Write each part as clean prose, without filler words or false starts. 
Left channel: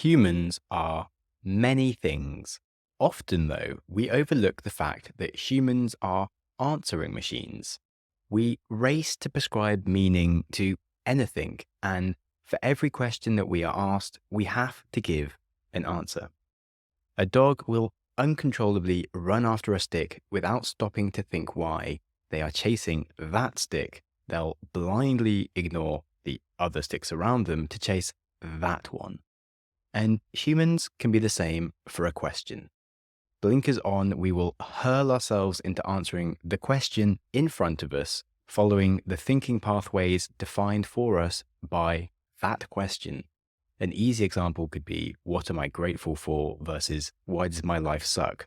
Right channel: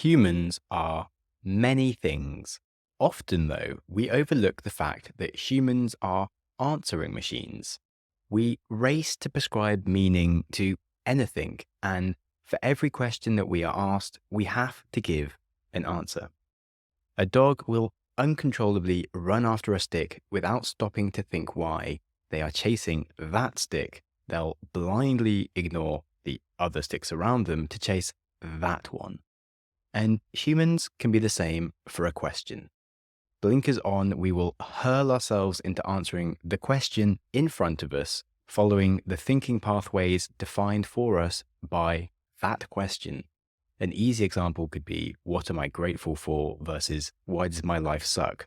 Humans are many things. Often, though, we overlook the fact that humans are answering machines. We race to prescribe meaning to anything, and for every question that we are asked, we have to give an answer. A dog will uncontrollably run after a stick without stopping to think why. They are chasing that stick. They'll blindly ignore the other sticks around them to chase that one. And humans can be the same for a question. Blinkers on, we will hurl ourselves into answering the question in front of us, following the thinking pathways defined for us by that question. An easy example could be, what am I grateful for versus why does my life suck?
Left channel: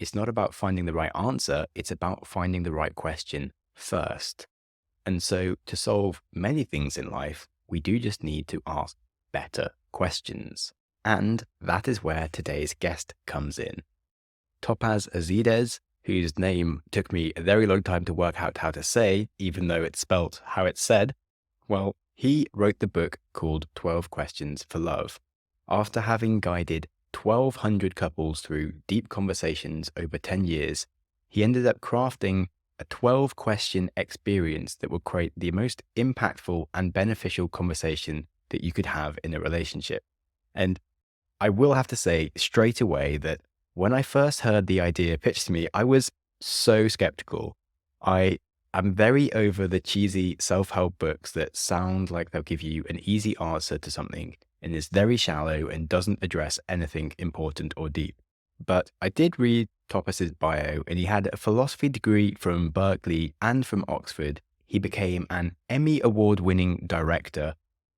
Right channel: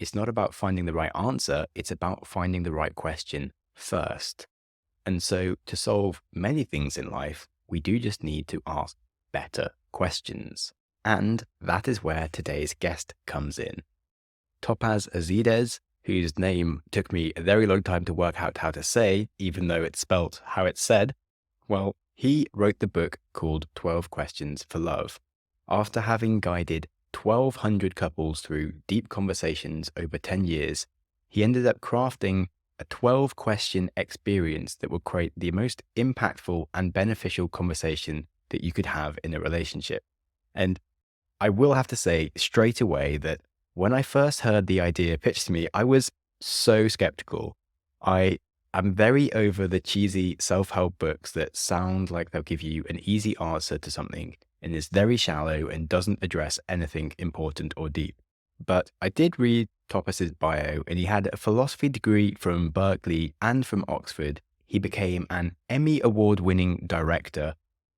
It's not about finding the right answer, it's about finding the right question first. And so to solve many things in life, we do just need to ask better questions. And that is where today's guest comes in. Topaz Azides, whose name took me a very long time to work out how to say, even though it's spelt how it's said, well, he wrote the book called 12 Questions for Love. After having guided 1,200 couples through deep conversations over 10 years, he ended up crafting a 12-question experience that will create the most impactful and beneficial conversation that you could have in a relationship. And I will have to say straight away that when I first heard the idea pitched to me, I was so skeptical. I am very over the cheesy self-help books that sound like they'll give you an easy answer to something and is very shallow and doesn't address anything important or deep. But I did read Topaz's bio, and he had a philosophy degree from Berkeley and from Oxford. He became an Emmy award-winning director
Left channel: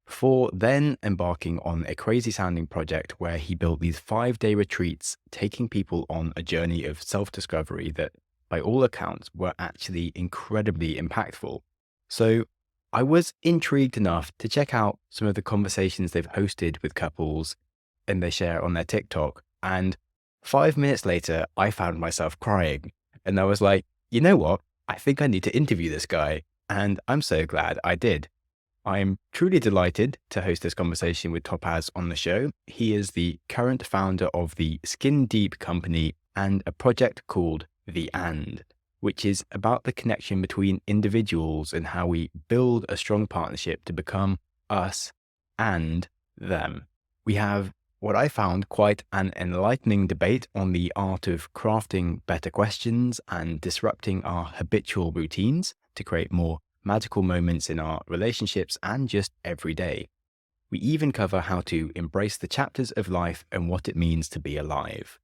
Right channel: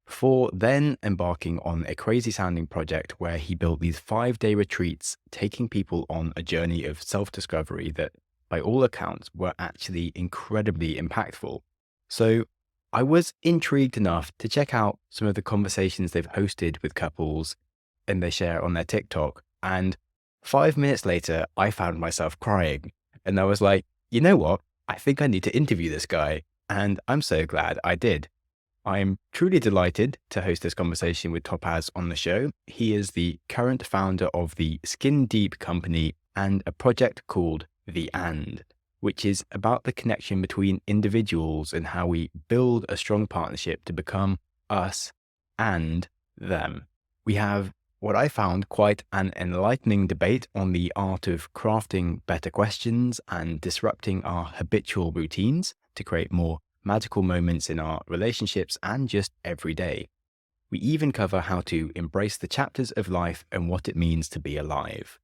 before then embarking on a crazy-sounding project where he built these 5-day retreats, taking people on a journey of self-discovery that, by all accounts, were actually incredibly impactful. So I was intrigued enough to check out some of the conversations they've hosted with couples and they share on their TikTok. And 5 minutes later, I found myself crying. And I was like, you know what? I think I need to interview this guy. And I'm so glad I did. I'm truly delighted to host this conversation with Topaz on the show. He is the current founder of the Skin Deep company and a project called The And, which is about the connection between individuals and how we build a strong partnership to become us and them. We have what I found quite an enlightening debate on the art of crafting better questions and disrupting our habitual routines to create more magical moments in our relationships and just every day. We even cover how to embrace the chapters of life and what it means to be alive.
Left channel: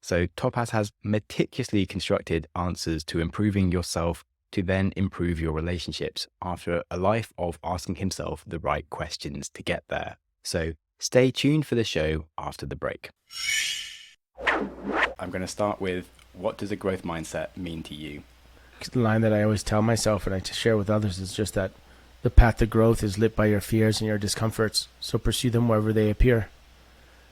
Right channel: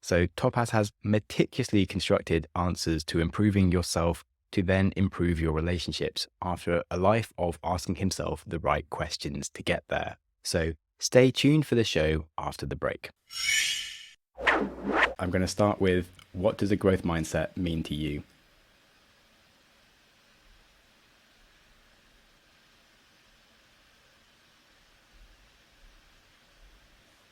So Topaz has meticulously constructed answers to improving yourself to then improve your relationships after a life of asking himself the right questions to get there. So stay tuned for the show after the break. I'm going to start with, what does a growth mindset mean to you? The line that I always tell myself and I share with others is just that the path to growth is lit by your fears and your discomforts. So pursue them wherever they appear.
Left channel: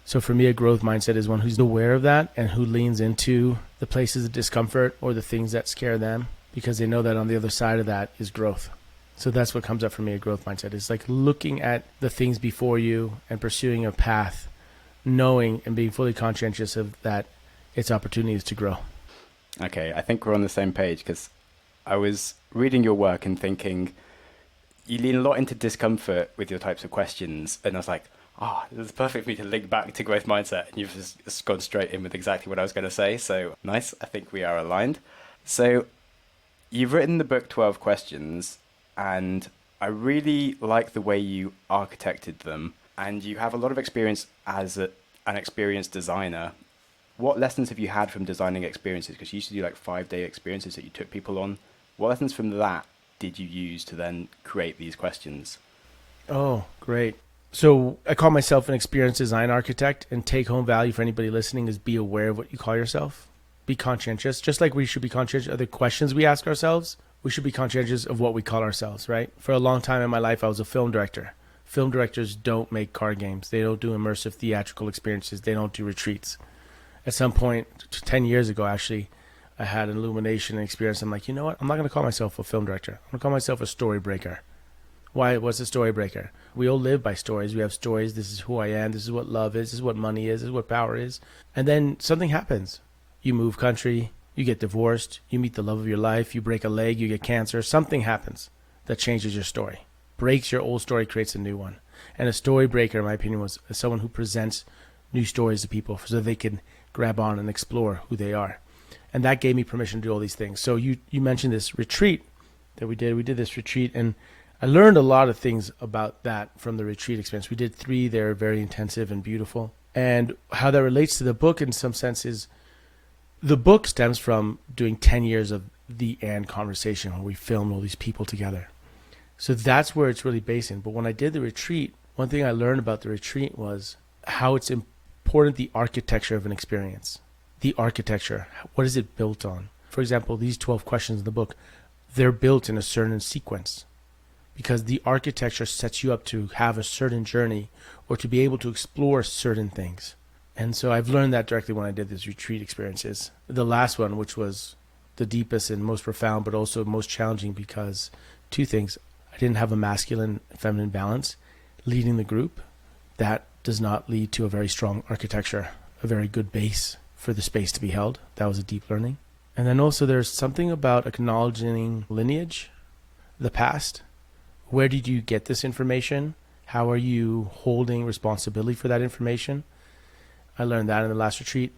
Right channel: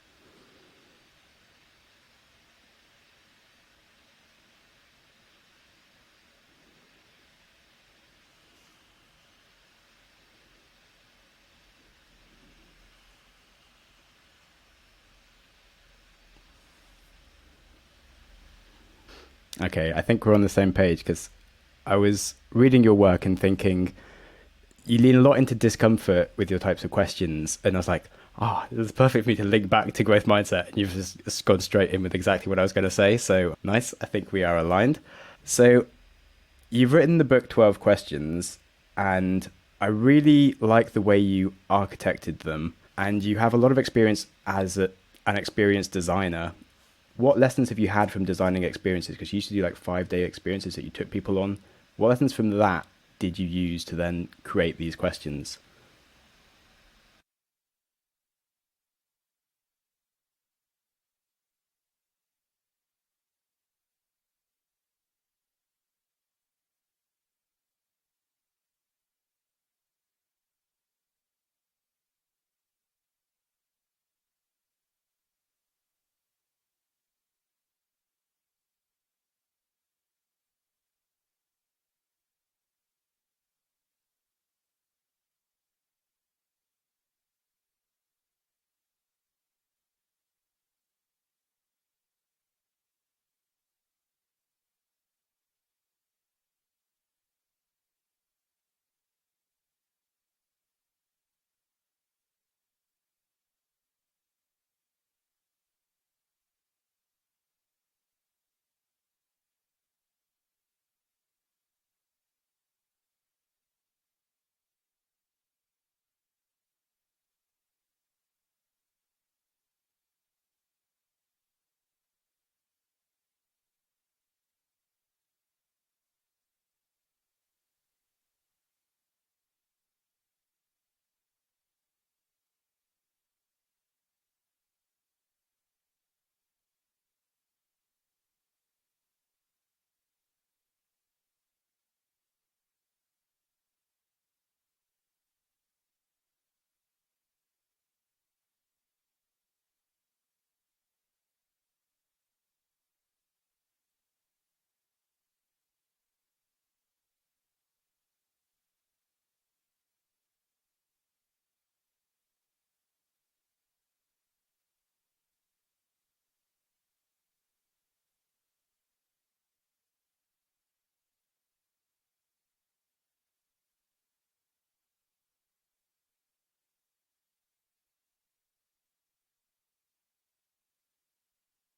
So for me, a growth mindset is one who's aware of that and who leans into the places of discomfort or the things that scare them, because they know that on the other side of that is growth. So that's what comes up for me, a growth mindset. It's like looking at the things before you and pursuing a path, knowing and being fully conscientious of that its opportunities to grow. Okay, I think we're on the same page, because I was reading your work and thinking you lean a lot into discomfort with your types of questions. And I was like, this is perfect for me to link back to growth mindset. And you've just gone straight in with exactly what I was going to say. So nice. I think we are aligned. So you've written the book 12 Questions, and I really like the way you architected them. And you have a lot of experience as an experienced designer. What lessons have you had from designing experiences? Because you used to do like 5-day experiences that you took people on. What lessons from that did you use to then create these questions? Oh, great. So I call myself an experienced design architect, and take home value for anybody listening is be aware of what you call yourself. Be conscientious. Just like we should be conscientious of the questions we ask ourselves, we should be conscientious of what we call ourselves, right? For a long time in my life, I was a film director. Film directors don't make card games. They don't do immersive theatrical experiences. They don't do retreats. At some point, 10 years ago, actually, I had an illumination experience. I'm like, you know what? I'm not going to call myself a film director. I'm going to call myself a story breaker. What's a story breaker? We all live by stories. We have stories. This is who I am. This is what love is. This is what money is. This is what power is. And then something happens. You move country. You get divorced. You meet the love of your life. You break a leg. You get cancer. Something happens that changes your story. Breaks your old story, creates a new one. And a story breaker, in my opinion, was someone who presents new stories to people so they can grab on and explore who they are. And that gave me permission to do all these things. So you mentioned this retreat that we did. We did this retreat, and I learned a lot of things about that from the retreat experience. We did 3. They're very intensive and beautiful. And how that relates to the book in some sense is the book stems from doing 10 years of the and conversation where we filmed all these people together. So that's where it's really based in. But when I did the retreat, one thing I learned about the retreat was how it's important, the architecture of an experience. The architecture, what is it built on? For example, these 12 questions in the book, they're built in a certain sequence because the architecture sets you up to have a certain journey or to be able to explore certain things. And so I've learned that directly when I did these retreat experiences. The last one, which was the deepest and most profound, but also most challenging because 2 things. I didn't have a masculine feminine balance leading the group. That does not lead to a very strong architecture, a very good base for the space to be held. That was a deep learning. And then also there's something about acknowledging lineage, the past. Where did you get this information? How are you holding responsibility for that information? I learned that in the last retreat.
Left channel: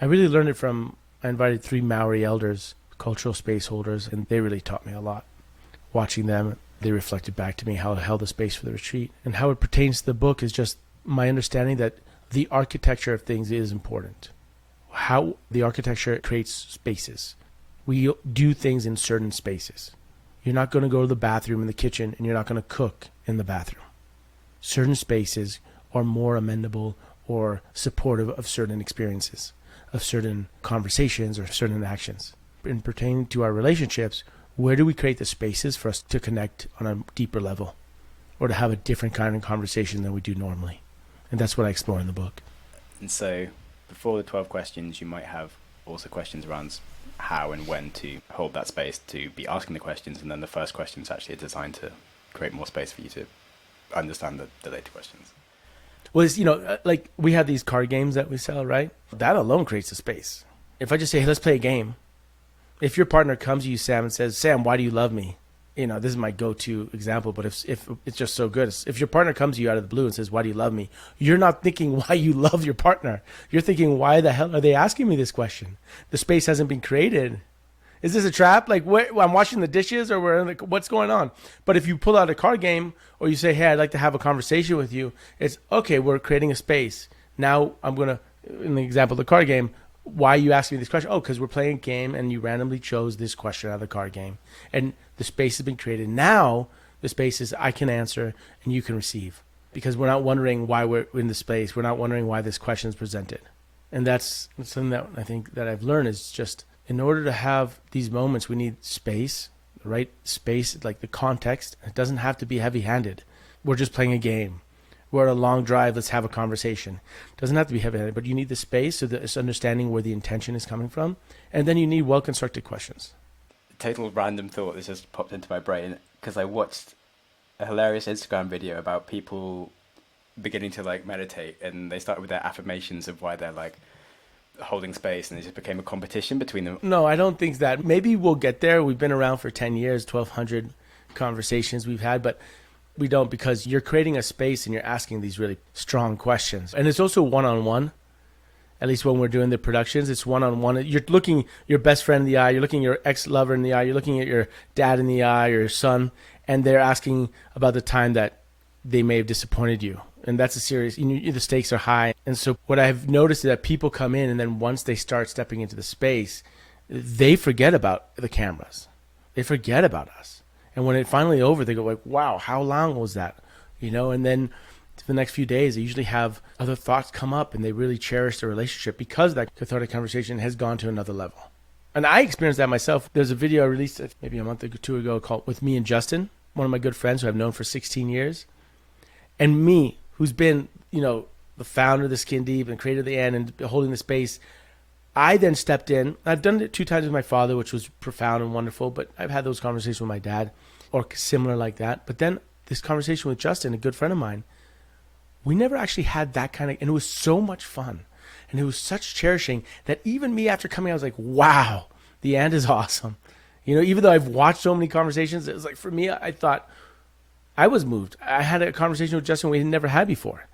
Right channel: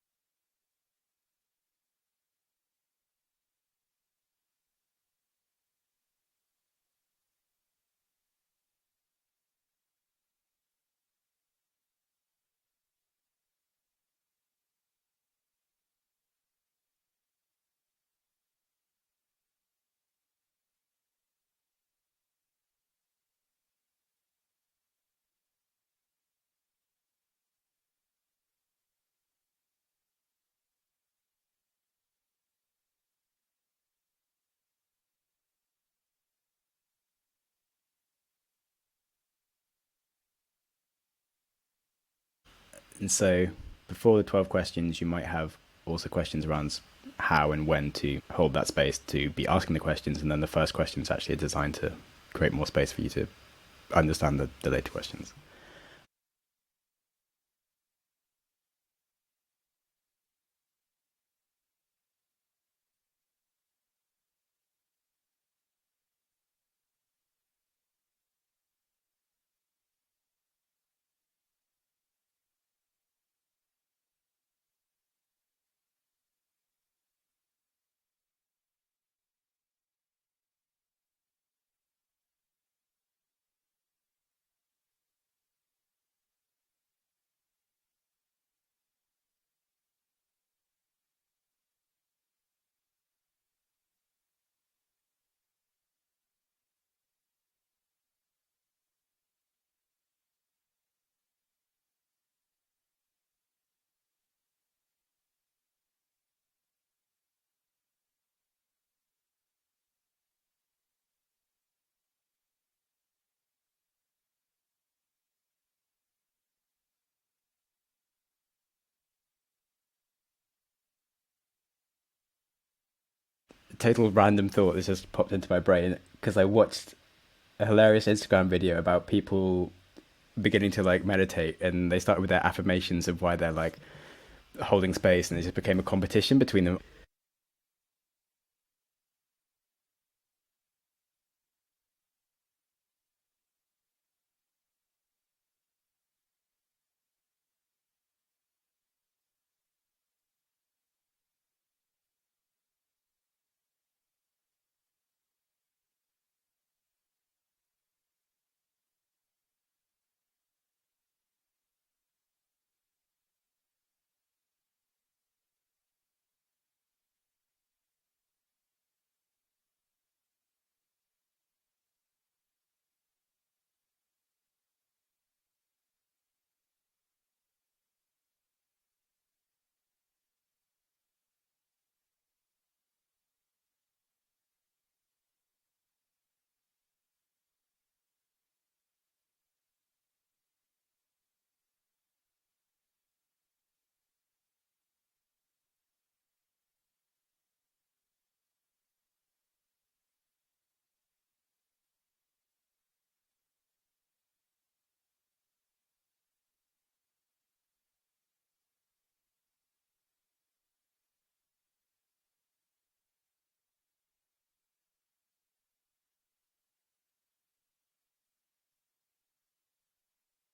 I really learned it from, I invited 3 Maori elders, cultural space holders, and they really taught me a lot. Watching them, they reflected back to me how I held the space for the retreat. And how it pertains to the book is just my understanding that the architecture of things is important. How the architecture creates spaces. We do things in certain spaces. You're not going to go to the bathroom in the kitchen and you're not going to cook in the bathroom. Certain spaces are more amenable or supportive of certain experiences, of certain conversations or certain actions. In pertaining to our relationships, where do we create the spaces for us to connect on a deeper level or to have a different kind of conversation than we do normally? And that's what I explore in the book. And so before the 12 questions, you might have also questions around how and when to hold that space to be asking the questions. And then the first question is actually designed to create more space for you to understand the later questions. Well, it's, like we have these card games that we sell, right? That alone creates a space. If I just say, hey, let's play a game. If your partner comes to you, Sam, and says, Sam, why do you love me? This is my go-to example, but if it's just so good. If your partner comes to you out of the blue and says, why do you love me? You're not thinking why you love your partner. You're thinking, why the hell are they asking me this question? The space hasn't been created. Is this a trap? Like, I'm washing the dishes or what's going on? But if you pull out a card game or you say, hey, I'd like to have a conversation with you, it's, okay, we're creating a space. Now I'm going to, in the example of the card game, why are you asking me this question? Oh, because we're playing a game and you randomly chose this question out of the card game. And the space has been created. Now the space is I can answer and you can receive. Because we're not wondering why we're in the space. We're not wondering why this question is presented. And that's something that I think that I've learned is just in order to have these moments, we need space, right? Space, like the context. It doesn't have to be heavy-handed. We're just playing a game. We're on a long drive, let's have a conversation. It doesn't have to be heavy-handed, but you need the space so that it's understanding where the intention is coming from. And then you need well-constructed questions. Total random thought that just popped into my brain because I watched a hilarious Instagram video about people beginning to meditate, and they started with their affirmations of why they're holding space, and it just became a competition between them. No, I don't think that. Maybe we'll get there. We've been around for 10 years, 1,200 conversations we've had, but we don't, because you're creating a space and you're asking these really strong questions. And it's also one-on-one. At least when we're doing the productions, it's one-on-one. You're looking your best friend in the eye. You're looking your ex-lover in the eye. You're looking at your dad in the eye or your son, and they're asking about the time that they may have disappointed you. And that's a serious, the stakes are high. And so what I've noticed is that people come in, and then once they start stepping into the space, they forget about the cameras. They forget about us. And when it's finally over, they go wow, how long was that? And then for the next few days, they usually have other thoughts come up, and they really cherish the relationship because that cathartic conversation has gone to another level. And I experienced that myself. There's a video I released maybe a month or two ago called With Me and Justin, one of my good friends who I've known for 16 years. And me, who's been, the founder of the Skin Deep and creator of the End and holding the space, I then stepped in. I've done it 2 times with my father, which was profound and wonderful, but I've had those conversations with my dad or similar like that. But then this conversation with Justin, a good friend of mine, we never actually had that kind of, and it was so much fun. And it was such cherishing that even me after coming, I was like, wow, the end is awesome. You know, even though I've watched so many conversations, it was like, for me, I thought I was moved. I had a conversation with Justin we had never had before.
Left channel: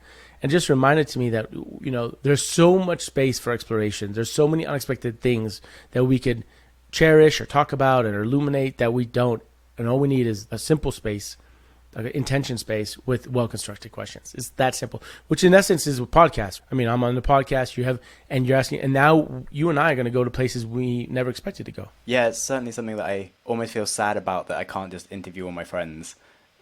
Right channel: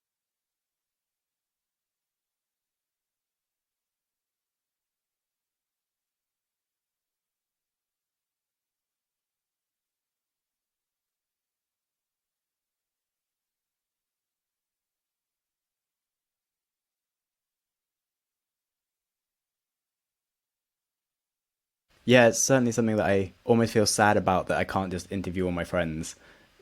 And just reminded to me that, you know, there's so much space for exploration. There's so many unexpected things that we could cherish or talk about or illuminate that we don't. And all we need is a simple space, like an intention space with well-constructed questions. It's that simple, which in essence is a podcast. I mean, I'm on the podcast, you're asking, and now you and I are going to go to places we never expected to go. Yeah, it's certainly something that I almost feel sad about, that I can't just interview all my friends,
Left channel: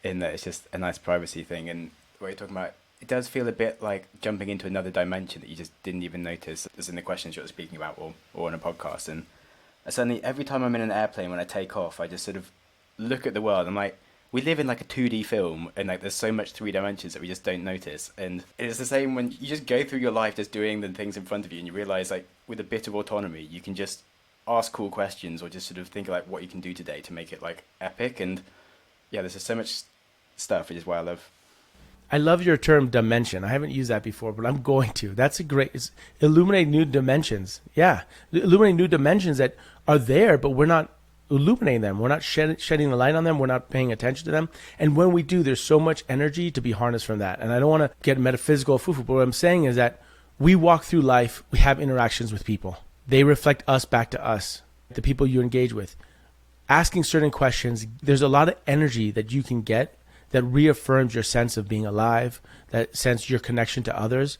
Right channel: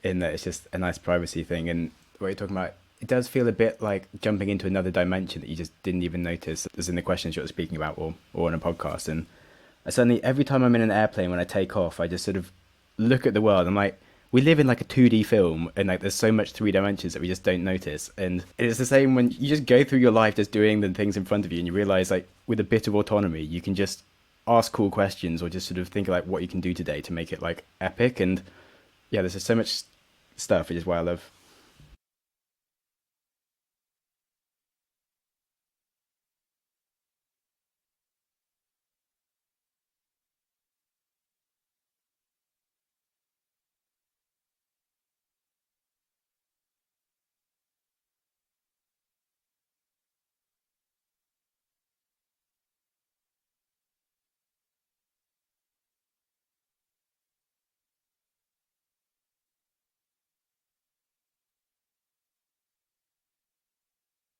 in that it's just a nice privacy thing. And what you're talking about, it does feel a bit like jumping into another dimension that you just didn't even notice as in the questions you're speaking about or on a podcast. And certainly every time I'm in an airplane, when I take off, I just sort of look at the world. I'm like, we live in like a 2D film, and like there's so much 3 dimensions that we just don't notice. And it's the same when you just go through your life just doing the things in front of you, and you realize, like, with a bit of autonomy, you can just ask cool questions or just sort of think like what you can do today to make it like epic. And yeah, there's just so much stuff, which is why I love your term dimension. I haven't used that before, but I'm going to. That's a great, illuminate new dimensions. Yeah. Illuminate new dimensions that are there, but we're not illuminating them. We're not shedding the light on them. We're not paying attention to them. And when we do, there's so much energy to be harnessed from that. And I don't want to get metaphysical, foo-foo, but what I'm saying is that we walk through life, we have interactions with people. They reflect us back to us, the people you engage with. Asking certain questions, there's a lot of energy that you can get that reaffirms your sense of being alive, that sense your connection to others,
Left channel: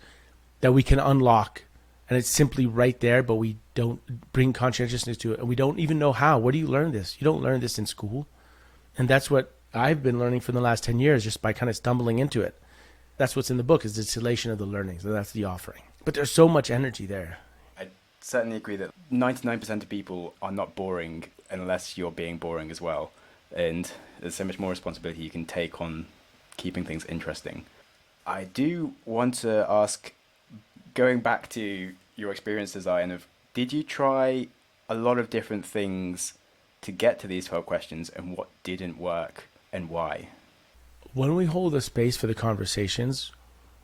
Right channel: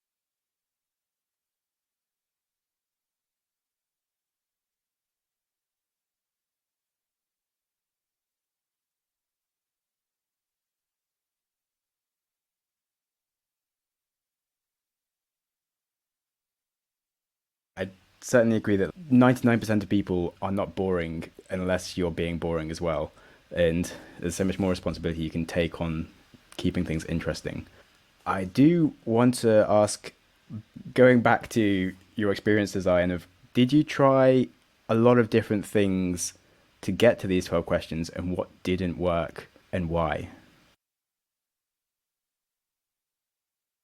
that we can unlock. And it's simply right there, but we don't bring conscientiousness to it. And we don't even know how. Where do you learn this? You don't learn this in school. And that's what I've been learning for the last 10 years, just by kind of stumbling into it. That's what's in the book, is the distillation of the learnings. And that's the offering. But there's so much energy there. I certainly agree that 99% of people are not boring unless you're being boring as well. And there's so much more responsibility you can take on keeping things interesting. I do want to ask, going back to your experience design, did you try a lot of different things to get to these 12 questions, and what didn't work and why? When we hold a space for the conversations,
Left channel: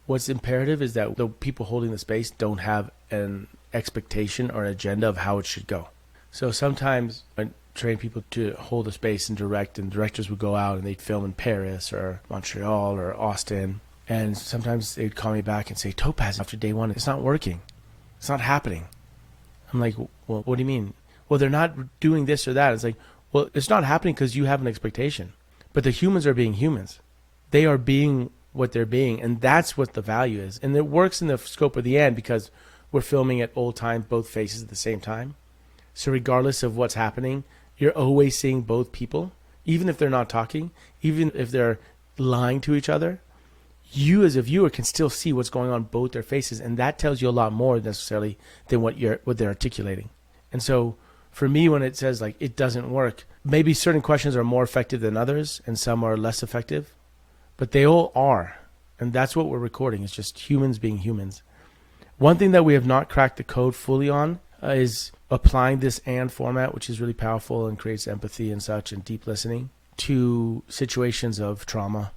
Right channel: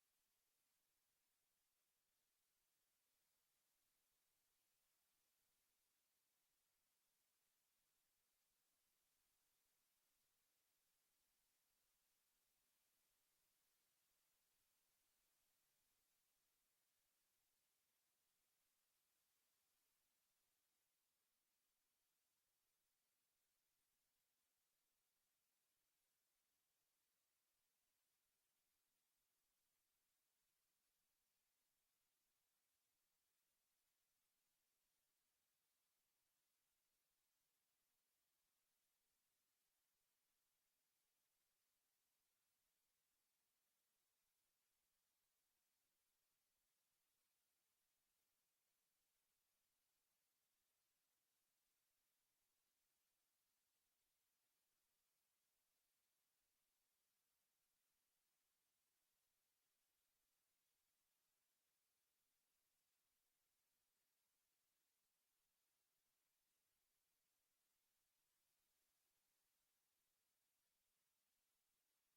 what's imperative is that the people holding the space don't have an expectation or an agenda of how it should go. So sometimes I train people to hold a space and direct, and directors would go out and they'd film in Paris or Montreal or Austin. And sometimes they'd call me back and say, Topaz, after day 1, it's not working. It's not happening. I'm like, well, what do you mean? Well, they're not doing this or that. It's like, well, it's not happening because you have an expectation. But the humans are being humans. They are being what they're being. And that's what the value is. And it works in the scope of the end because we're filming at old time, both faces at the same time. So regardless of what's happening, you're always seeing both people, even if they're not talking, even if they're lying to each other. You as a viewer can still see what's going on both their faces, and that tells you a lot more necessarily than what they're articulating. And so for me, when it says like it doesn't work, maybe certain questions are more effective than others and some are less effective, but they all are. And that's what we're recording. It's just humans being humans. One thing that we have not cracked the code fully on is applying this and format, which is really powerful and creates empathy and such and deep listening, to situations of trauma.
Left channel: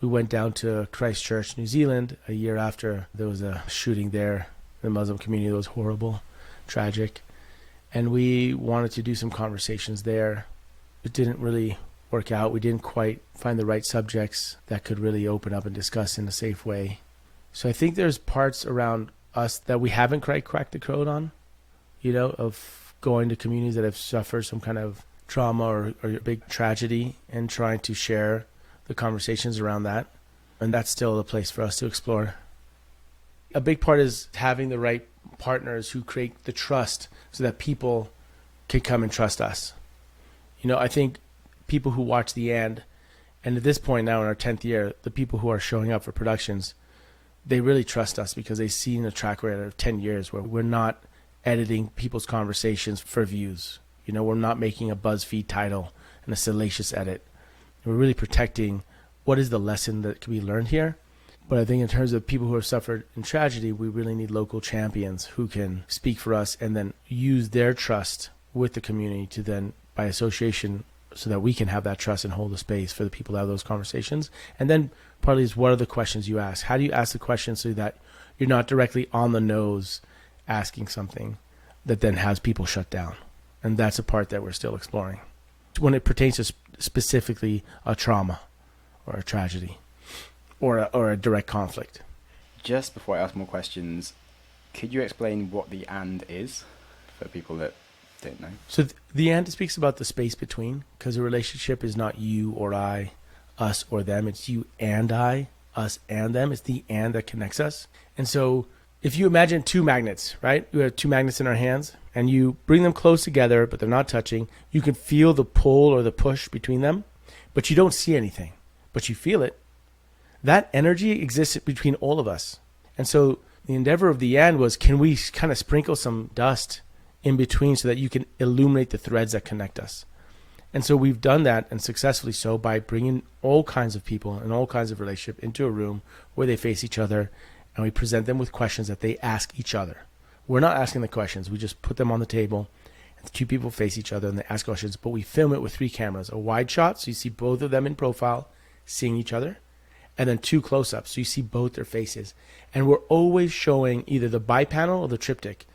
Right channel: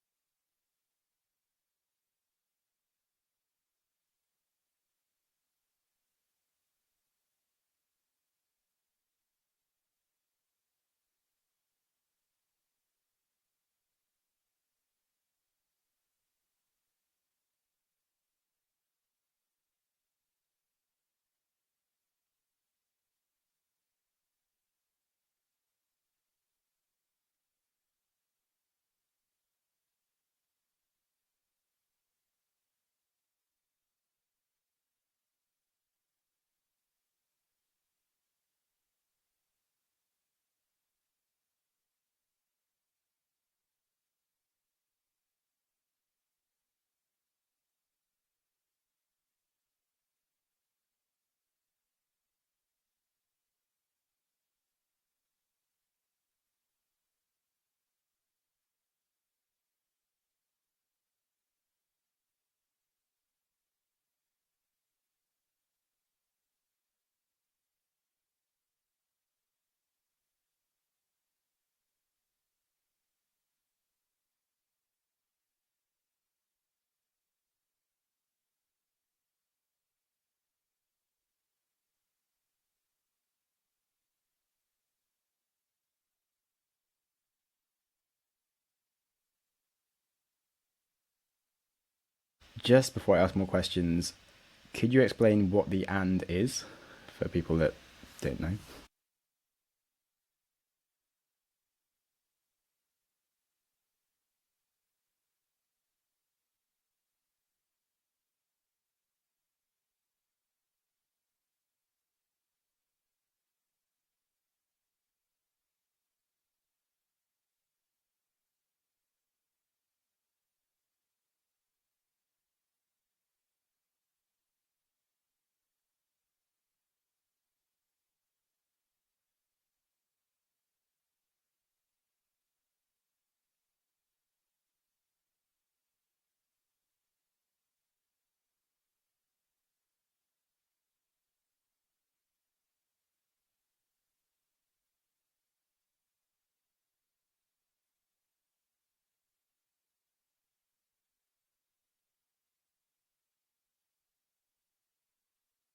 We went down to Christchurch, New Zealand, a year after there was a shooting there in the Muslim community that was horrible, tragic. And we wanted to do some conversations there. It didn't really work out. We didn't quite find the right subjects that could really open up and discuss in a safe way. So I think there's parts around us that we haven't quite cracked the code on, you know, of going to communities that have suffered some kind of trauma or a big tragedy and trying to share the conversations around that. And that's still a place for us to explore. A big part is having the right partners who create the trust so that people can come and trust us. You know, I think people who watch the and at this point now in our 10th year, the people who are showing up for productions, they really trust us because they've seen a track record of 10 years where we're not editing people's conversations for views. You know, we're not making a BuzzFeed title and a salacious edit. We're really protecting what is the lesson that can be learned here. But I think in terms of people who have suffered in tragedy, we really need local champions who can speak for us and then use their trust with the community to then, by association, so that we can have that trust and hold the space for the people to have those conversations. And then partly is, what are the questions you ask? How do you ask the questions so that you're not directly on the nose asking something that then has people shut down? And that's a part that we're still exploring when it pertains to specifically a trauma or a tragedy or a direct conflict. Just before I ask more questions, could you explain what the "and" is for people that don't know? So the "and" speaks about the space between, because a relationship is not you or I, us or them. It's you and I, us and them. It's the "and" that connects us. And so if you imagine two magnets, right? We have two magnets in our hands and you bring them close together, but they're not touching. You can feel the pull or the push between them, but you don't see anything, but you feel it. That energy exists between all of us. And so the endeavor of the "and" was, can we kind of sprinkle some dust in between so that you can illuminate the threads that connect us? And so we've done that, and successfully so, by bringing all kinds of people and all kinds of relationship into a room where they face each other, and we present them with questions that they ask each other. We're not asking the questions. We just put them on the table, and the two people face each other and they ask questions, but we film it with 3 cameras. A wide shot, so you see both of them in profile seeing each other, and then 2 close-ups, so you see both their faces. And we're always showing either the bipanel or the triptych,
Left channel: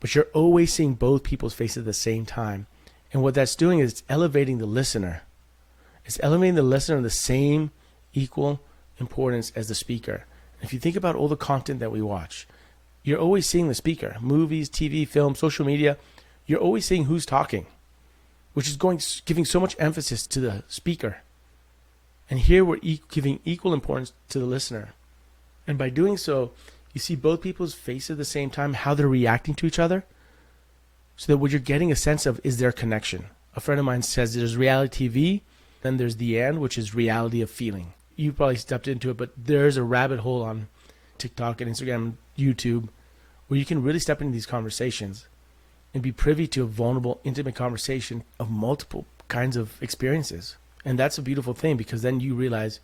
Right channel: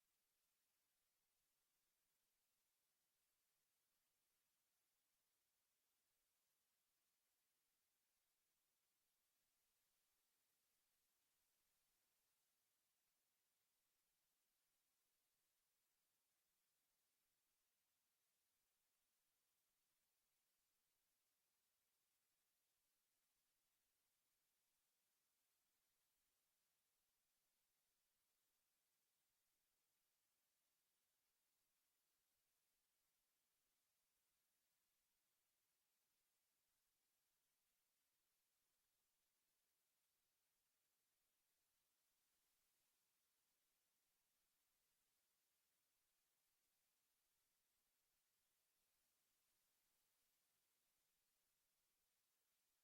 but you're always seeing both people's faces at the same time. And what that's doing is it's elevating the listener. It's elevating the listener in the same equal importance as the speaker. If you think about all the content that we watch, you're always seeing the speaker. Movies, TV, film, social media, you're always seeing who's talking, which is giving so much emphasis to the speaker. And here we're giving equal importance to the listener. And by doing so, you see both people's faces at the same time, how they're reacting to each other, so that what you're getting a sense of is their connection. A friend of mine says there's reality TV, then there's the "and," which is reality of feeling. You probably stepped into it, but there's a rabbit hole on TikTok and Instagram and YouTube where you can really step into these conversations and be privy to a vulnerable, intimate conversation of multiple kinds of experiences. And that's a beautiful thing, because then you realize,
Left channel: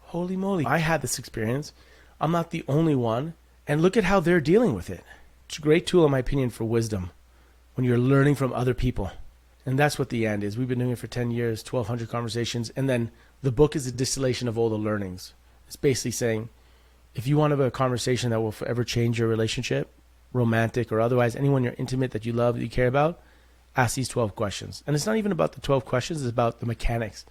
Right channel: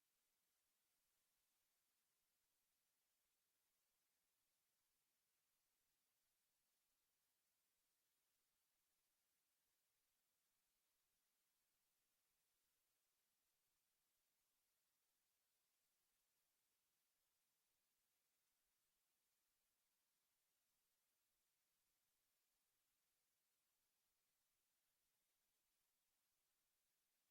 holy moly, I had this experience. I'm not the only one. And look at how they're dealing with it. It's a great tool, in my opinion, for wisdom when you're learning from other people. And that's what the "and" is. We've been doing it for 10 years, 1,200 conversations. And then the book is a distillation of all the learnings. It's basically saying, if you want to have a conversation that will forever change your relationship, romantic or otherwise, anyone you're intimate, that you love, that you care about, ask these 12 questions. And it's not even about the 12 questions. It's about the mechanics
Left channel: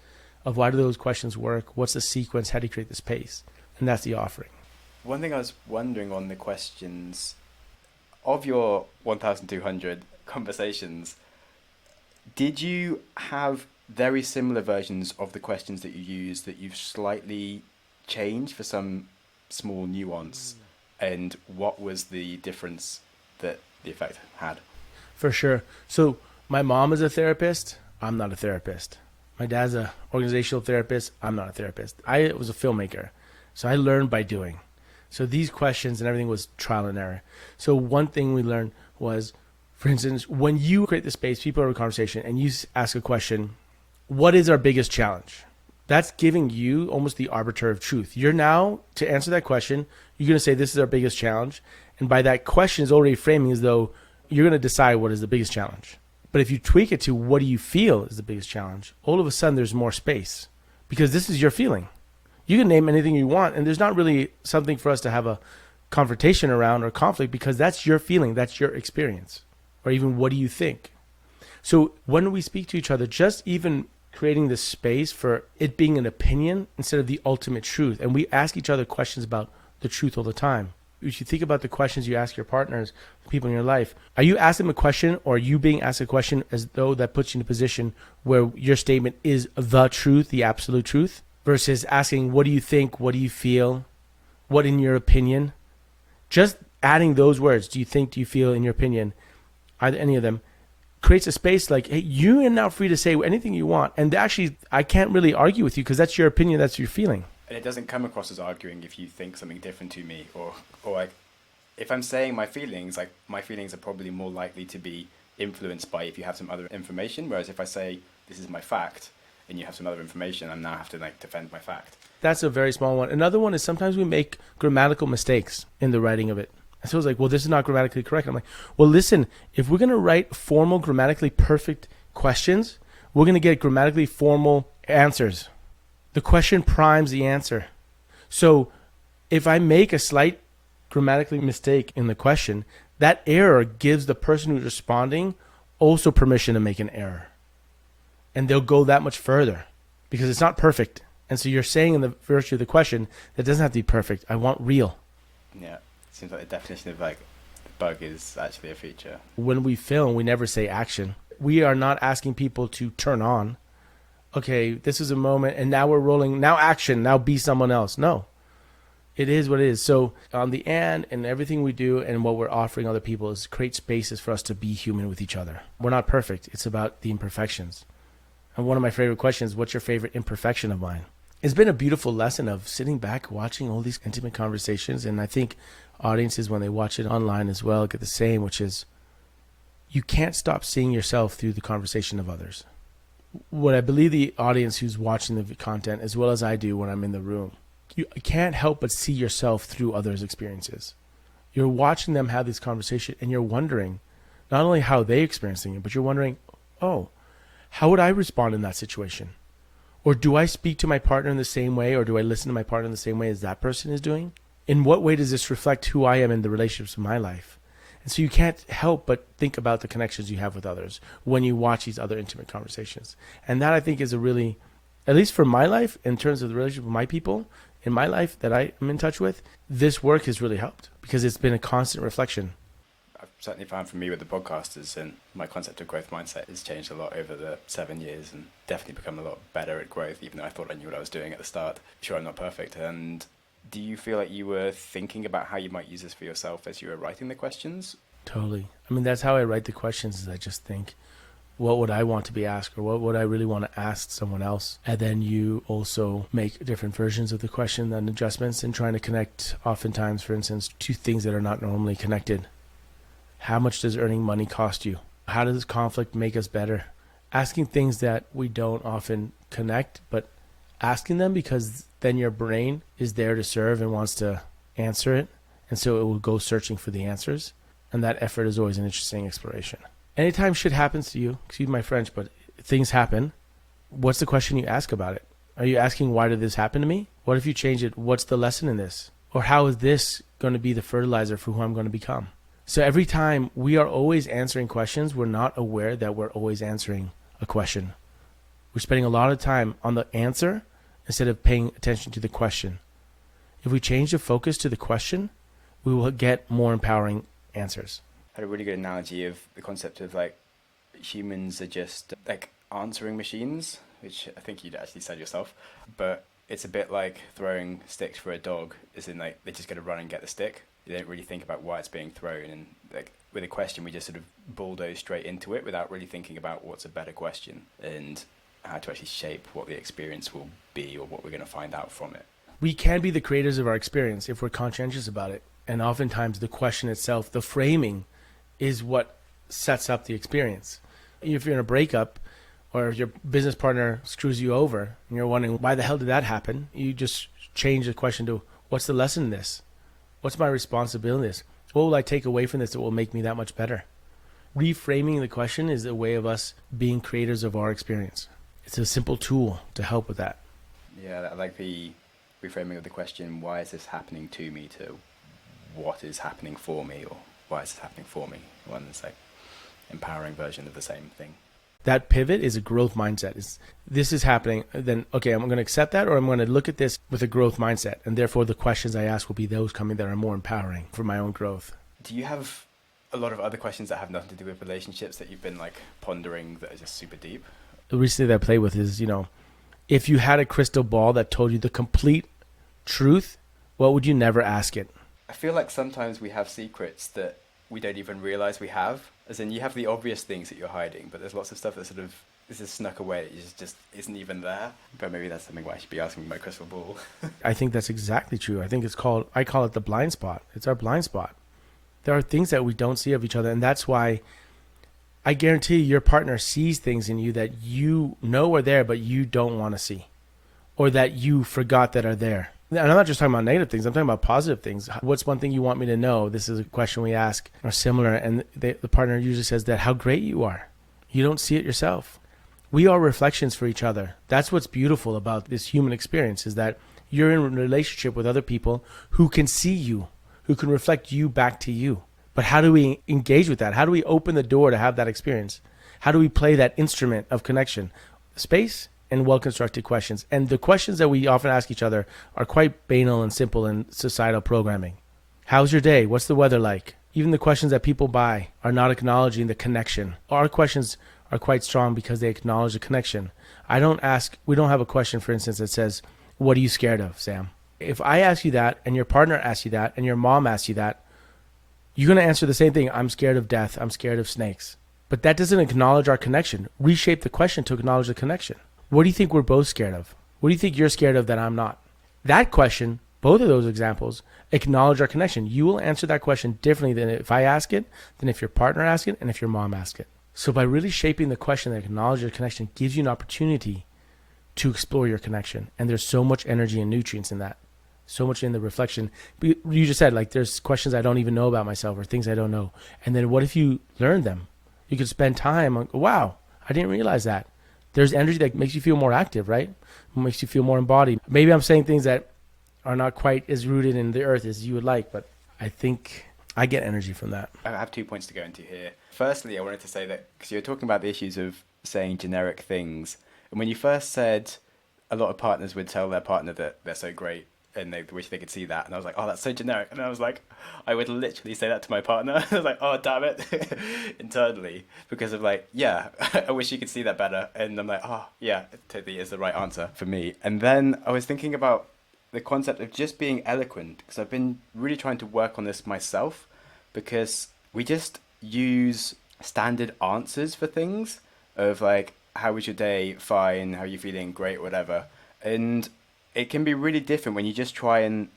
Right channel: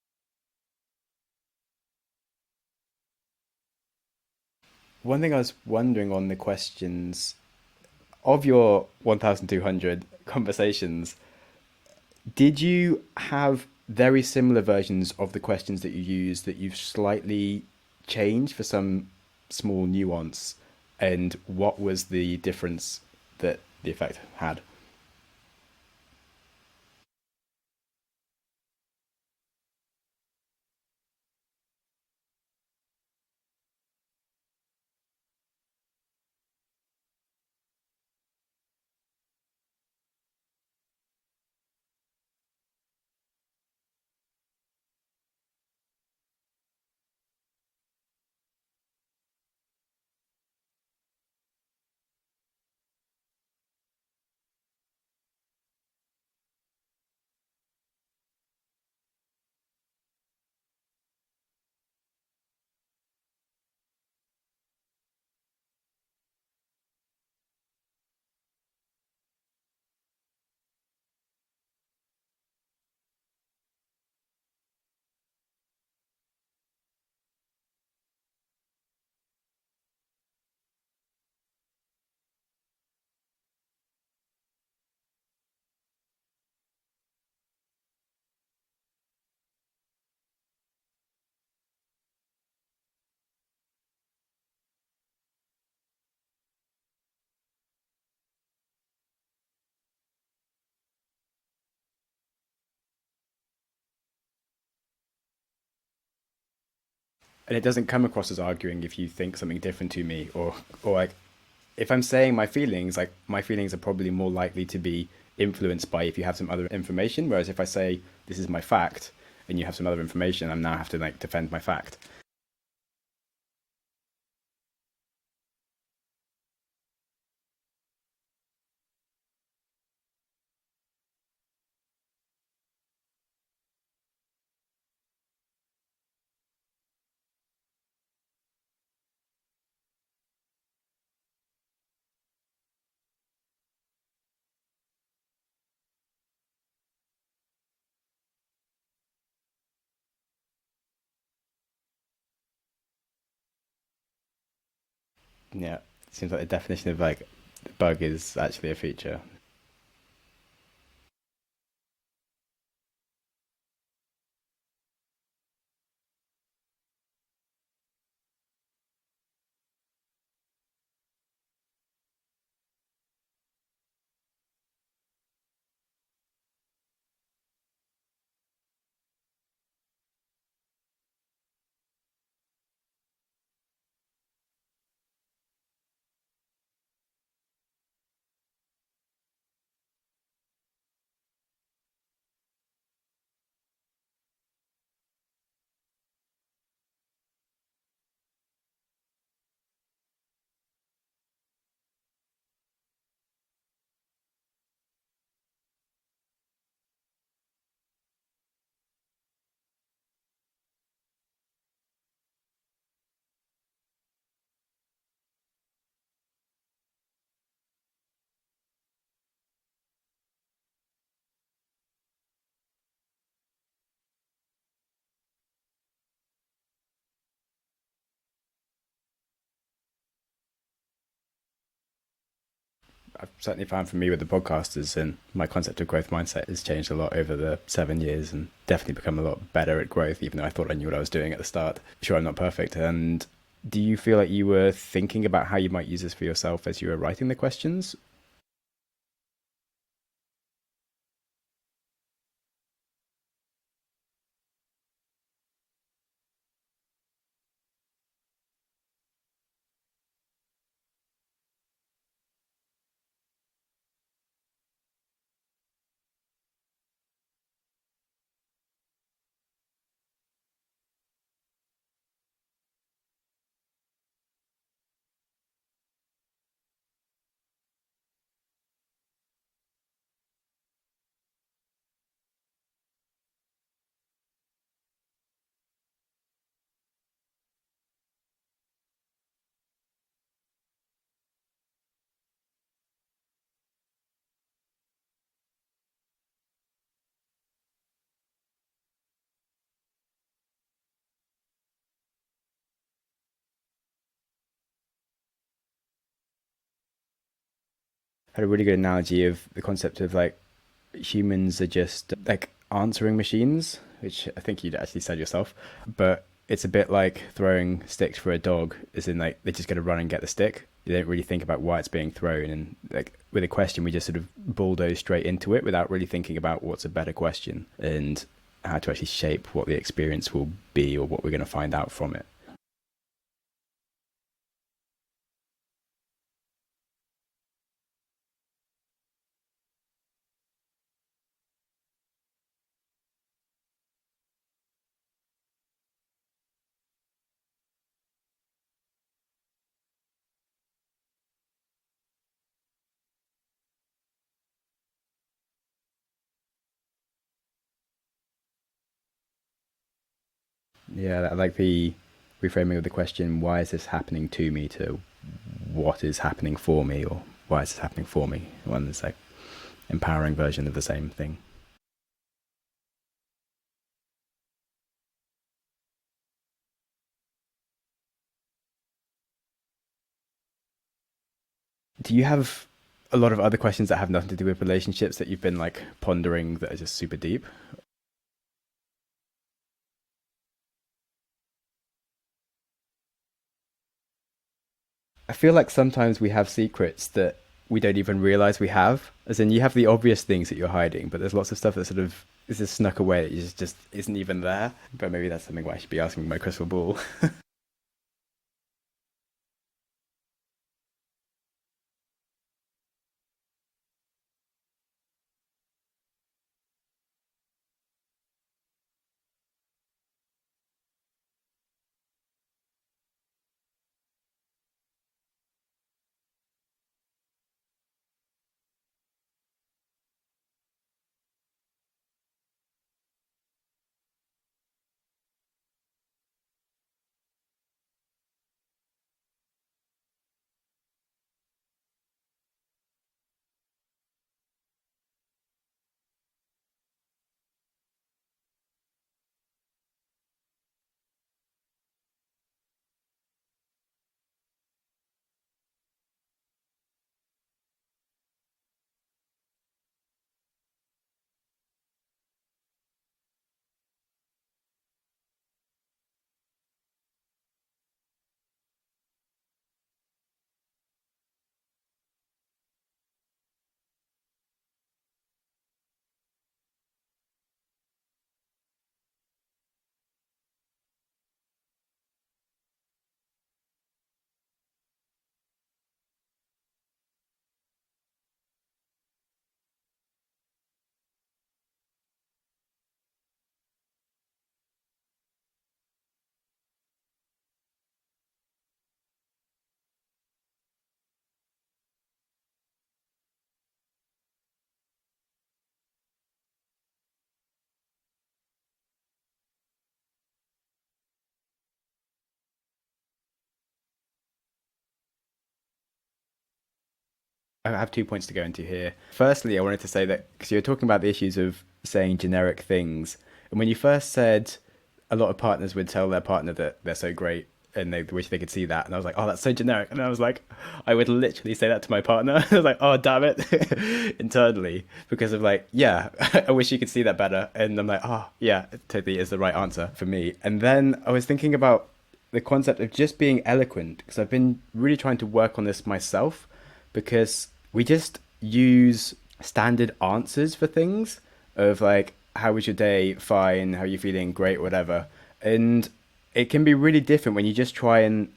of why do those questions work? What's the sequence? How do you create the space? And that's the offering. One thing I was wondering on the questions, of your 1,200 conversations, did you have very similar versions of the questions that you use that you've slightly changed for some small nuance? And what was the difference that the effect had? For sure. So my mom is a therapist. I'm not a therapist. My dad's an organizational therapist. I'm not a therapist. I was a filmmaker. So I learned by doing. So these questions and everything was trial and error. So one thing we learned was, for instance, when you create the space, people have a conversation, and you ask a question, what is our biggest challenge? That's giving you almost the arbiter of truth. You're now, to answer that question, you're going to say, this is our biggest challenge. And by that question is already framing as though you're going to decide what is the biggest challenge. But if you tweak it to what do you feel is the biggest challenge, all of a sudden there's more space, because this is your feeling. You can name anything you want, and there's not really something for us to have a confrontation around or conflict, because that's your feeling, that's your experience, or even what do you think? So when we speak to each other, just even creating this space for it being an opinion instead of the ultimate truth. And we ask each other questions about the truth all the time. If you think about the questions you ask your partners, people in your life, are you asking them a question, or are you being asked a question as though that puts you in a position where your statement is the truth, the absolute truth, versus asking, what do you think? What do you feel? What in your opinion? Just adding those words, do you think, do you feel, in your opinion, either any of them, creates a space like, hey, you are now free to say anything you want. And actually, I can't really argue with you, because that's your opinion, that's your feeling. And it doesn't come across as arguing if you think something different to me, or like, if I'm saying my feelings, like my feelings are probably more likely to be influenced by if you have some other information. Whereas if I say this is my fact and you have some other information, I now have to like defend my fact. That's a very small one. Another one is sometimes we make grammatical mistakes in the writing of it. And so it's like, well, this is not grammatically correct. I'm like, well, listen, if we're going to write formal, grammatically perfect questions, we're going to get grammatically formal answers. The question primes the answer. So if I make a slight grammatically mistake in the question, that error gives the person who's responding also permission to make an error. And they'll go that much further because it's not perfect. And so you're saying in the virtue of the question, that doesn't have to be perfect. I want real. Yeah. Seems like the definition of like bug is actually a feature. When we film, we never say action. We are not asking people to turn on. Okay, this is a moment and now we're rolling. Now action. Now be someone else. No. It is what it is. So on the end and everything we do and what we're offering other people is create spaces for us to be human with each other. We're not perfect. It's about the imperfections. And one of my favorite questions, what's your favorite imperfection of mine? It's been a beautiful lesson of sitting back, watching all these intimate conversations. And I think audiences, when they watch it online as well, get the same, which is you can't stop seeing yourself through the conversation of others. What I believe the audience who's watching the content, as well as I do when I'm in the room, you can't help but see yourself through others' experiences. You're watching them have this conversation and you're wondering not only how they're experiencing it, but you're wondering, oh, how would I respond in that situation? Or do I speak to my partner in the same way, or do I listen to my partner in the same way as that person is doing? In what way does this reflect who I am in the relationships of my life? And so you can't help but think about the connections you have with others when you watch these other intimate conversations. And that I think is a really, at least for my life, in terms of the relationship with my people, in my life that I am in touch with, this work has really helped because it's been a constant reflection. I've certainly found for me with the podcasters, and my concept of growth mindset has changed a lot over the 7 years and definitely become a lot better at growth, even though I thought I knew what I was doing at the start. Sure, I'm not perfect. And do you feel like you were thinking about how you might use this for yourself as you were writing the questions? Totally. I mean, that's how I write the questions is I just think, what would I want to be asked, or what would I really want to ask someone else? And then you also make different versions of the question and adjustments and trying to connect oftentimes, for instance, two things that are not normally connected. How much does earning money cost you? How does conflict make us better? Asking things that we don't often connect, but asking them because then your brain is there to serve and wants to answer it. And so it will go searching for the answers. And that effort is always an interesting exploration. Anytime shit happens to you, excuse my French, but things happen, what's the question you ask about it? Are you asking, why did this happen to me? What if you change it? What's the lesson in this? Or how is this going to be the fertilizer for who I'm going to become? So every time we are always answering questions, we're not aware that we're always answering a question. We're spending a lot of time on the answer instead of paying attention to the question. If we change the focus to the question, we will get more empowering answers. I had a really good analogy of the concept of like humans are just like answering machines, which I think you'd actually said yourself, but it's a bit like throwing sticks for a dog, as in like they're just going to run and get the stick. You don't really think about why it's being thrown. And like with a question, we just sort of bulldoze straight into it without really thinking about what's a better question and how to actually shape what the experience will be or what we're going to find out from it. We can be the creators of our experience if we're conscientious about it. And oftentimes the question itself, the framing, is what sets up the experience. If you're in a breakup or if your business partner screws you over and you're wondering, why the hell did that happen? You just change the question to, what's the lesson in this? What's my responsibility in this? What will I take away from this that will make me that much better? Reframing the question is a way of us being creators of our experience. It's a simple tool to help with that. Yeah, I like the reframing of the question, why is this happening to me, to what is happening for me, or why is this happening for me? One that's like empowering version of the same thing. That pivot is a growth mindset. This is happening, then, okay, I'm going to accept that, or I'm going to look at this with a growth mindset. And therefore, the questions I ask will be those coming that are more empowering for my own growth. Do you have a lot of other questions that have nothing to do with relationships that you've been like pondering that are just super deep? The recently that I play with is, if you had a crystal ball that told you the complete truth, what would you never ask it? I feel like sometimes we have secrets that we don't even realize we have. As in, you have the obvious things that you're hiding, but there's lots of stuff that sort of is just snuck away that just isn't even there. But maybe that's something I should be asking my crystal ball. I think that's exactly true. I call it the blind spot. It's our blind spot. There are things that we don't see of each other, and that's why I guarantee your partner sees things in you that you know are there, but you don't want to see, or that you forgot that are there. And I'm not just talking about negative things. I'm talking about positive things. What's one thing you want me to know? This is a question we ask, or similar. And the partner usually says that how great you are. You don't see it yourself. We are reflections for each other. That's what's beautiful about this human experience, is that you're in a relationship with other people who can see you, who can reflect you back to you. But how do we engage with that? How do we open the door to have that experience? How do we play that instrument of connection? Space and well-constructed questions. And the questions that we often ask each other are quite banal and simple in societal programming. How's your day? What's the weather like? Even the questions that people buy are not acknowledging the connection. Our questions are quite strong because they acknowledge the connection. We don't have a question, for instance, that says, what are you scared of, Sam? If I ask you that and your partner asks you that and your mom asks you that, you're going to answer the same thing. I'm scared of death. I'm scared of snakes. But that doesn't acknowledge our connection. Reshape the question to acknowledge the connection. What do you think we're both scared of? What do you think you're scared of that I'm not? That question, both of those examples, acknowledge our connection. You will answer that question differently than if I ask it, than if your partner asks it, and if your mom asks it. So by really shaping the question that acknowledges your connection gives you an opportunity to explore your connection. And there's so much energy and nutrients in that. So much in the reflection. You just said, like, there's questions I don't even know about myself or things I don't know. And then what if you learn them? You could spend time on, wow, I didn't realize that. There's energy that makes you feel more active, right? Makes you feel more embodied. Maybe I'm saying things that are not quite as rooted in the earth as you would like, but I think I get energy from that. I have 2 points to go into here. Firstly, I wanted to say that, because you're talking about the issues of saying generic things. And when you first said a lot of partners would tell their partner that they're so great and they wish they could see that. And I was like, oh, that's so generic. And I was like, I would literally say that to my partner. I was like, oh, damn it, internally, because of like, yeah, I wish you could see that better. And I'm like, oh, yeah, it totally is the right answer for me. And then I was thinking about the concept of just being eloquent, because I've been really trying to work on this myself, because we just use standard answers for things of like, how was your day? Fine. How are you feeling? Great, whatever. And it can be really different when you just try and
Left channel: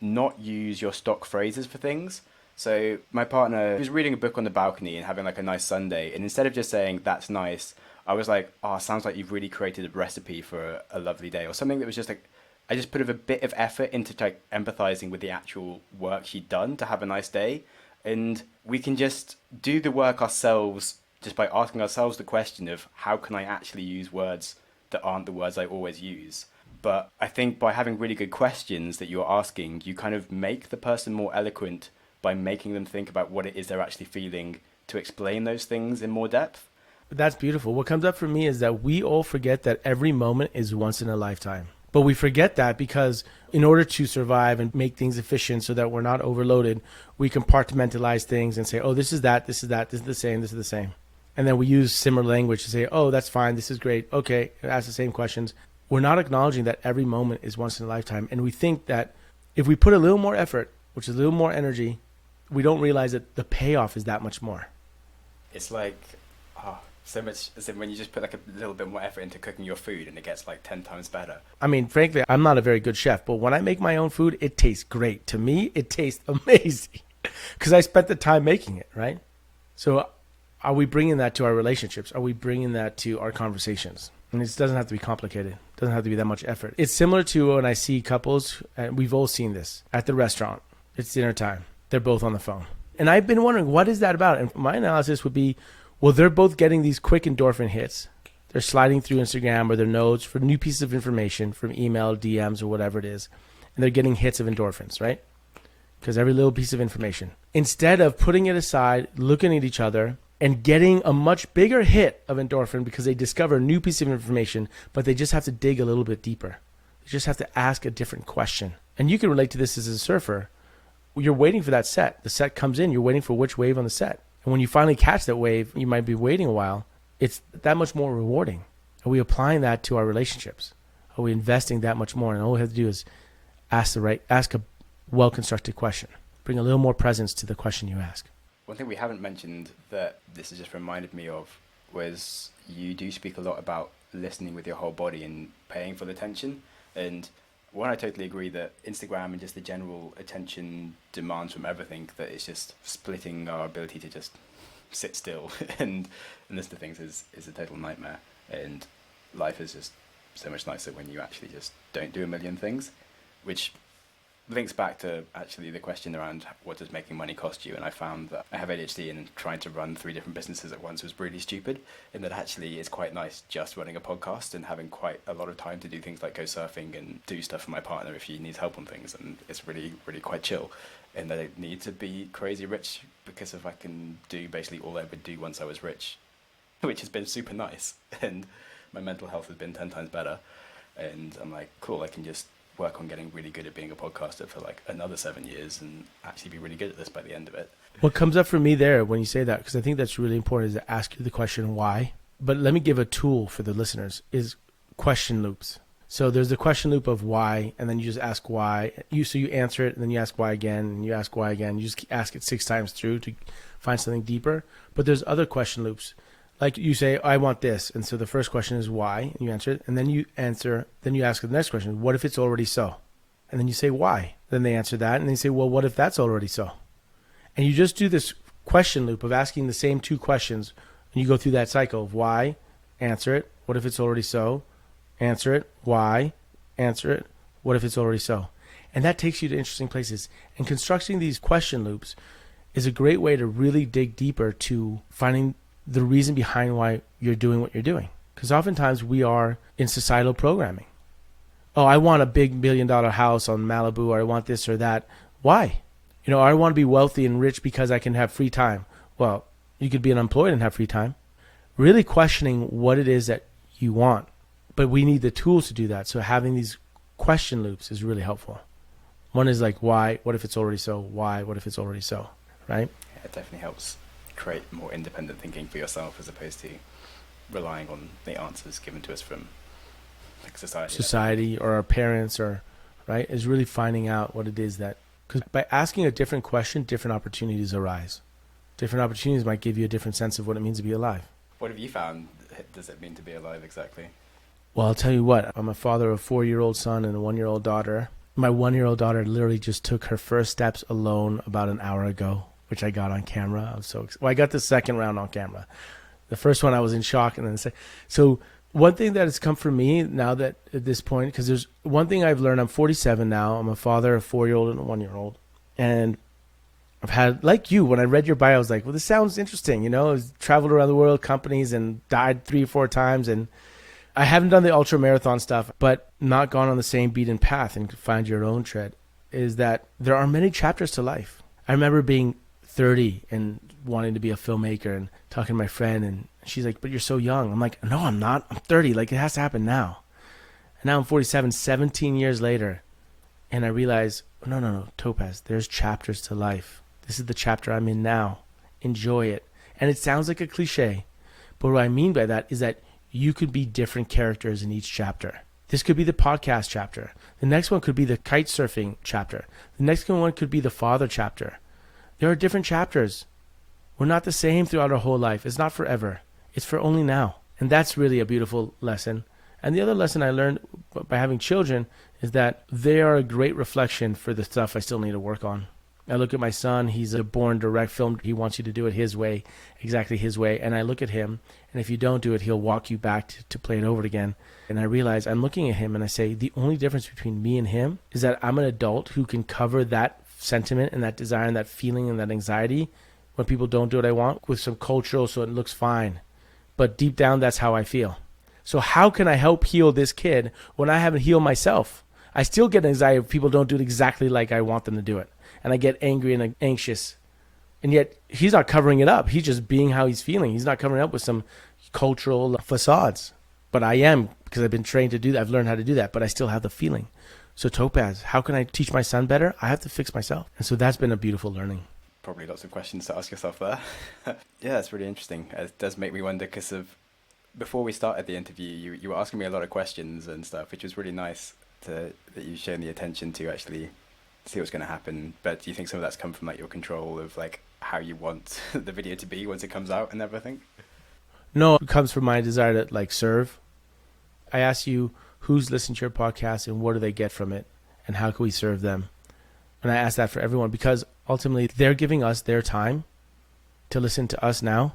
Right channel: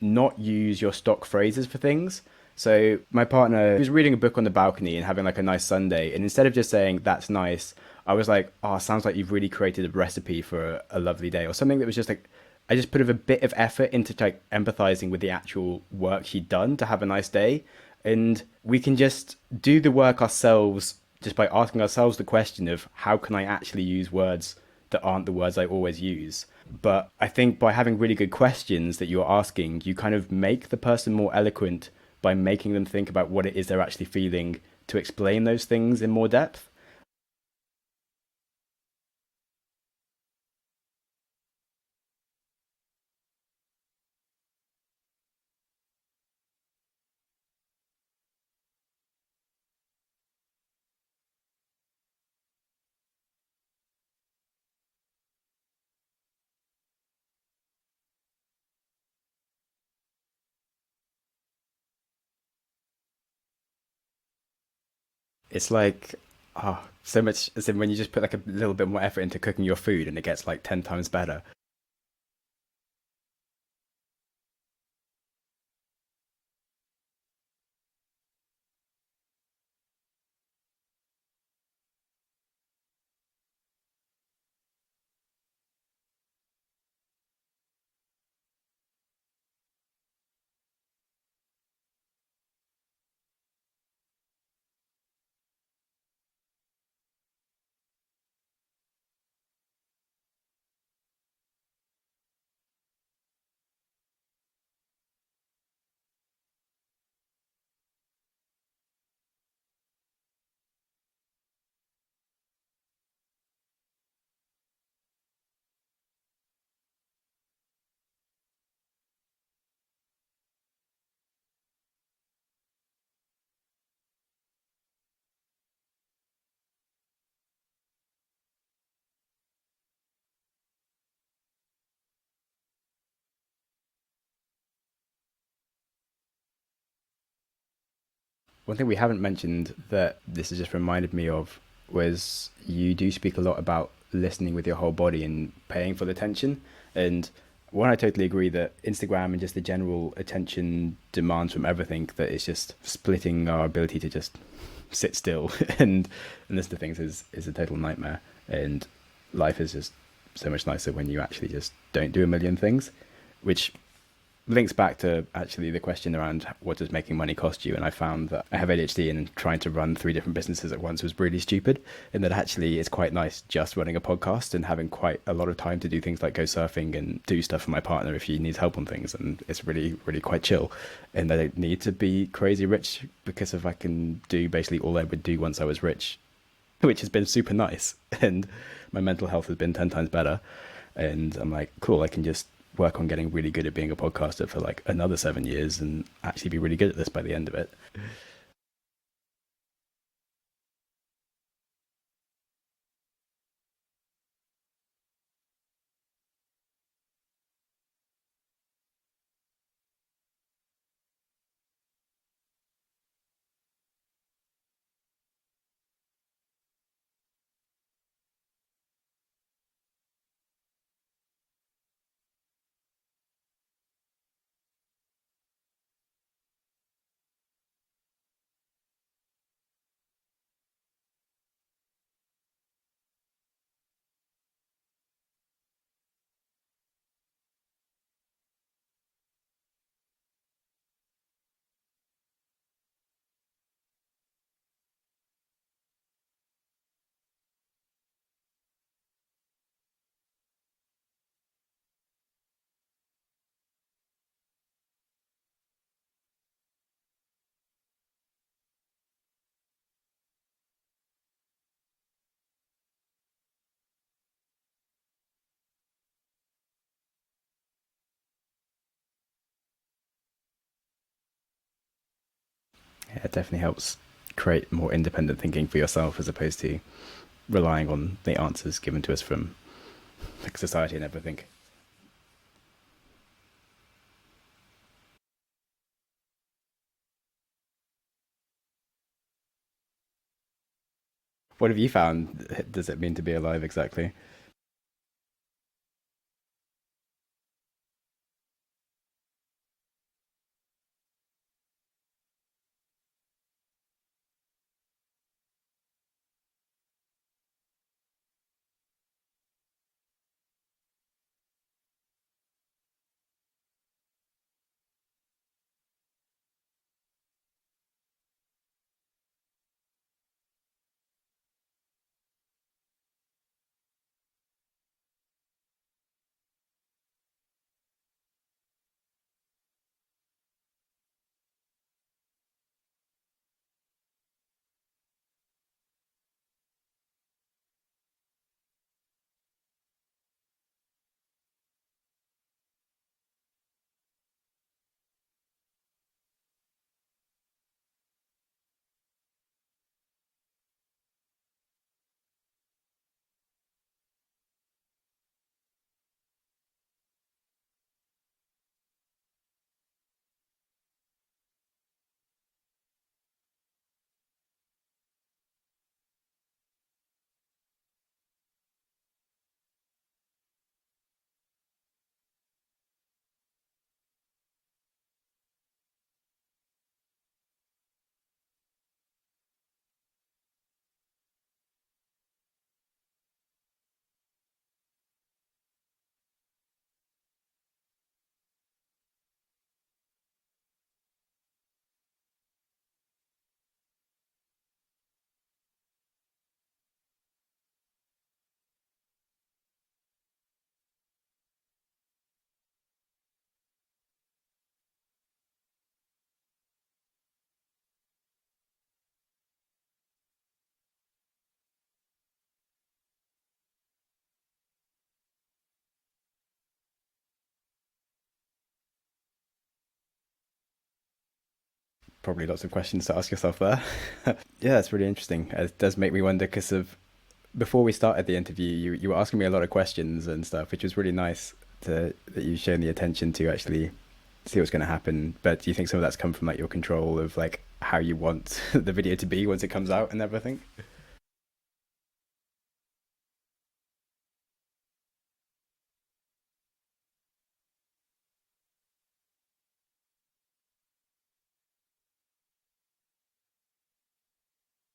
not use your stock phrases for things. So my partner was reading a book on the balcony and having like a nice Sunday. And instead of just saying, that's nice, I was like, oh, sounds like you've really created a recipe for a lovely day, or something that was just like, I just put a bit of effort into like empathizing with the actual work she'd done to have a nice day. And we can just do the work ourselves just by asking ourselves the question of, how can I actually use words that aren't the words I always use? But I think by having really good questions that you're asking, you kind of make the person more eloquent by making them think about what it is they're actually feeling to explain those things in more depth. That's beautiful. What comes up for me is that we all forget that every moment is once in a lifetime. But we forget that because in order to survive and make things efficient so that we're not overloaded, we compartmentalize things and say, oh, this is that, this is that, this is the same, this is the same. And then we use similar language to say, oh, that's fine, this is great, okay, ask the same questions. We're not acknowledging that every moment is once in a lifetime. And we think that if we put a little more effort, which is a little more energy, we don't realize that the payoff is that much more. It's like, oh, so much, as in when you just put like a little bit more effort into cooking your food and it gets like 10 times better. I mean, frankly, I'm not a very good chef, but when I make my own food, it tastes great. To me, it tastes amazing because I spent the time making it, right? So are we bringing that to our relationships? Are we bringing that to our conversations? And it doesn't have to be complicated. It doesn't have to be that much effort. It's similar to when I see couples, and we've all seen this, at the restaurant. It's dinner time. They're both on the phone. And I've been wondering, what is that about? And my analysis would be, well, they're both getting these quick endorphin hits. They're sliding through Instagram or their notes for new pieces of information from email, DMs, or whatever it is. And they're getting hits of endorphins, right? Because every little piece of information. Instead of putting it aside, looking at each other, and getting a much bigger hit of endorphin because they discover a new piece of information, but they just have to dig a little bit deeper. They just have to ask a different question. And you can relate to this as a surfer. You're waiting for that set. The set comes in. You're waiting for which wave on the set. And when you finally catch that wave, you might be waiting a while. It's that much more rewarding. Are we applying that to our relationships? Are we investing that much more? And all we have to do is ask a well-constructed question. Bring a little more presence to the question you ask. One thing we haven't mentioned that this has just reminded me of was you do speak a lot about listening with your whole body and paying full attention. And one, I totally agree that Instagram and just the general attention demands from everything, that it's just splitting our ability to just sit still and listen to things is a total nightmare. And life is just so much nicer when you actually just don't do a million things, which links back to actually the question around what does making money cost you. And I found that I have ADHD and trying to run 3 different businesses at once was really stupid. And that actually it's quite nice just running a podcast and having quite a lot of time to do things like go surfing and do stuff for my partner if she needs help on things. And it's really, really quite chill. And I don't need to be crazy rich because if I can do basically all I would do once I was rich, which has been super nice. And my mental health has been 10 times better. And I'm like, cool, I can just work on getting really good at being a podcaster for like another 7 years and actually be really good at this by the end of it. What comes up for me there when you say that, because I think that's really important, is to ask you the question why. But let me give a tool for the listeners, is question loops. So there's the question loop of why, and then you just ask why. So you answer it, and then you ask why again, and you ask why again. You just ask it 6 times through to find something deeper. But there's other question loops. Like you say, I want this. And so the first question is why, and you answer it. And then you ask the next question, what if it's already so? And then you say why. Then they answer that. And they say, well, what if that's already so? And you just do this question loop of asking the same 2 questions. And you go through that cycle of why, answer it. What if it's already so? Answer it. Why? Answer it. What if it's already so? And that takes you to interesting places. And constructing these question loops is a great way to really dig deeper to finding the reason behind why you're doing what you're doing. Because oftentimes we are in societal programming. Oh, I want a big $1 million house on Malibu, or I want this or that. Why? I want to be wealthy and rich because I can have free time. Well, you could be unemployed and have free time. Really questioning what it is that you want. But we need the tools to do that. So having these question loops is really helpful. One is like, why? What if it's already so? Why? What if it's already so? Right? Yeah, it definitely helps create more independent thinking for yourself as opposed to relying on the answers given to us from like society or our parents, or right, is really finding out what it is that, because by asking a different question, different opportunities arise. Different opportunities might give you a different sense of what it means to be alive. What have you found does it mean to be alive exactly? Well, I'll tell you what, I'm a father of a 4-year-old son and a 1-year-old daughter. My 1-year-old daughter literally just took her first steps alone about an hour ago, which I got on camera. I was so excited. Well, I got the second round on camera. The first one I was in shock, and then so one thing that has come for me now that at this point, because there's one thing I've learned. I'm 47 now. I'm a father of a 4-year-old and a 1-year-old, and I've had, like you, when I read your bio, I was like, well, this sounds interesting. I've traveled around the world, companies, and died 3 or 4 times, and I haven't done the ultra marathon stuff, but not gone on the same beaten path and find your own tread. Is that there are many chapters to life. I remember being 30 and wanting to be a filmmaker and talking to my friend, and she's like, but you're so young. I'm like, no, I'm not. I'm 30. Like, it has to happen now. And now I'm 47, 17 years later. And I realize, no, Topaz, there's chapters to life. This is the chapter I'm in now. Enjoy it. And it sounds like a cliche, but what I mean by that is that you could be different characters in each chapter. This could be the podcast chapter. The next one could be the kite surfing chapter. The next one could be the father chapter. There are different chapters. We're not the same throughout our whole life. It's not forever. It's for only now. And that's really a beautiful lesson. And the other lesson I learned by having children is that they are a great reflection for the stuff I still need to work on. I look at my son. He's a born direct film. He wants you to do it his way, exactly his way. And I look at him, and if you don't do it, he'll walk you back to play it over again. And I realize I'm looking at him, and I say, the only difference between me and him is that I'm an adult who can cover that sentiment and that desire and that feeling and that anxiety when people don't do what I want with some cultural, so it looks fine. But deep down, that's how I feel. So how can I help heal this kid when I haven't healed myself? I still get anxiety if people don't do it exactly like I want them to do it. And I get angry and anxious. And yet he's not covering it up. He's just being how he's feeling. He's not covering it up with some cultural facades. But I am, because I've been trained to do that. I've learned how to do that, but I still have the feeling. So Topaz, how can I teach my son better? I have to fix myself. And so that's been a beautiful learning. Probably lots of questions to ask yourself there. Yeah, that's really interesting. It does make me wonder because before we started the interview, you were asking me a lot of questions and stuff, which was really nice that you've shown the attention to actually see what's going to happen. But do you think some of that's come from like your control of like how you want the video to be once it comes out and everything? No, it comes from my desire to like serve. I ask you, who's listening to your podcast and what do they get from it? And how can we serve them? And I ask that for everyone because ultimately they're giving us their time to listen to us now.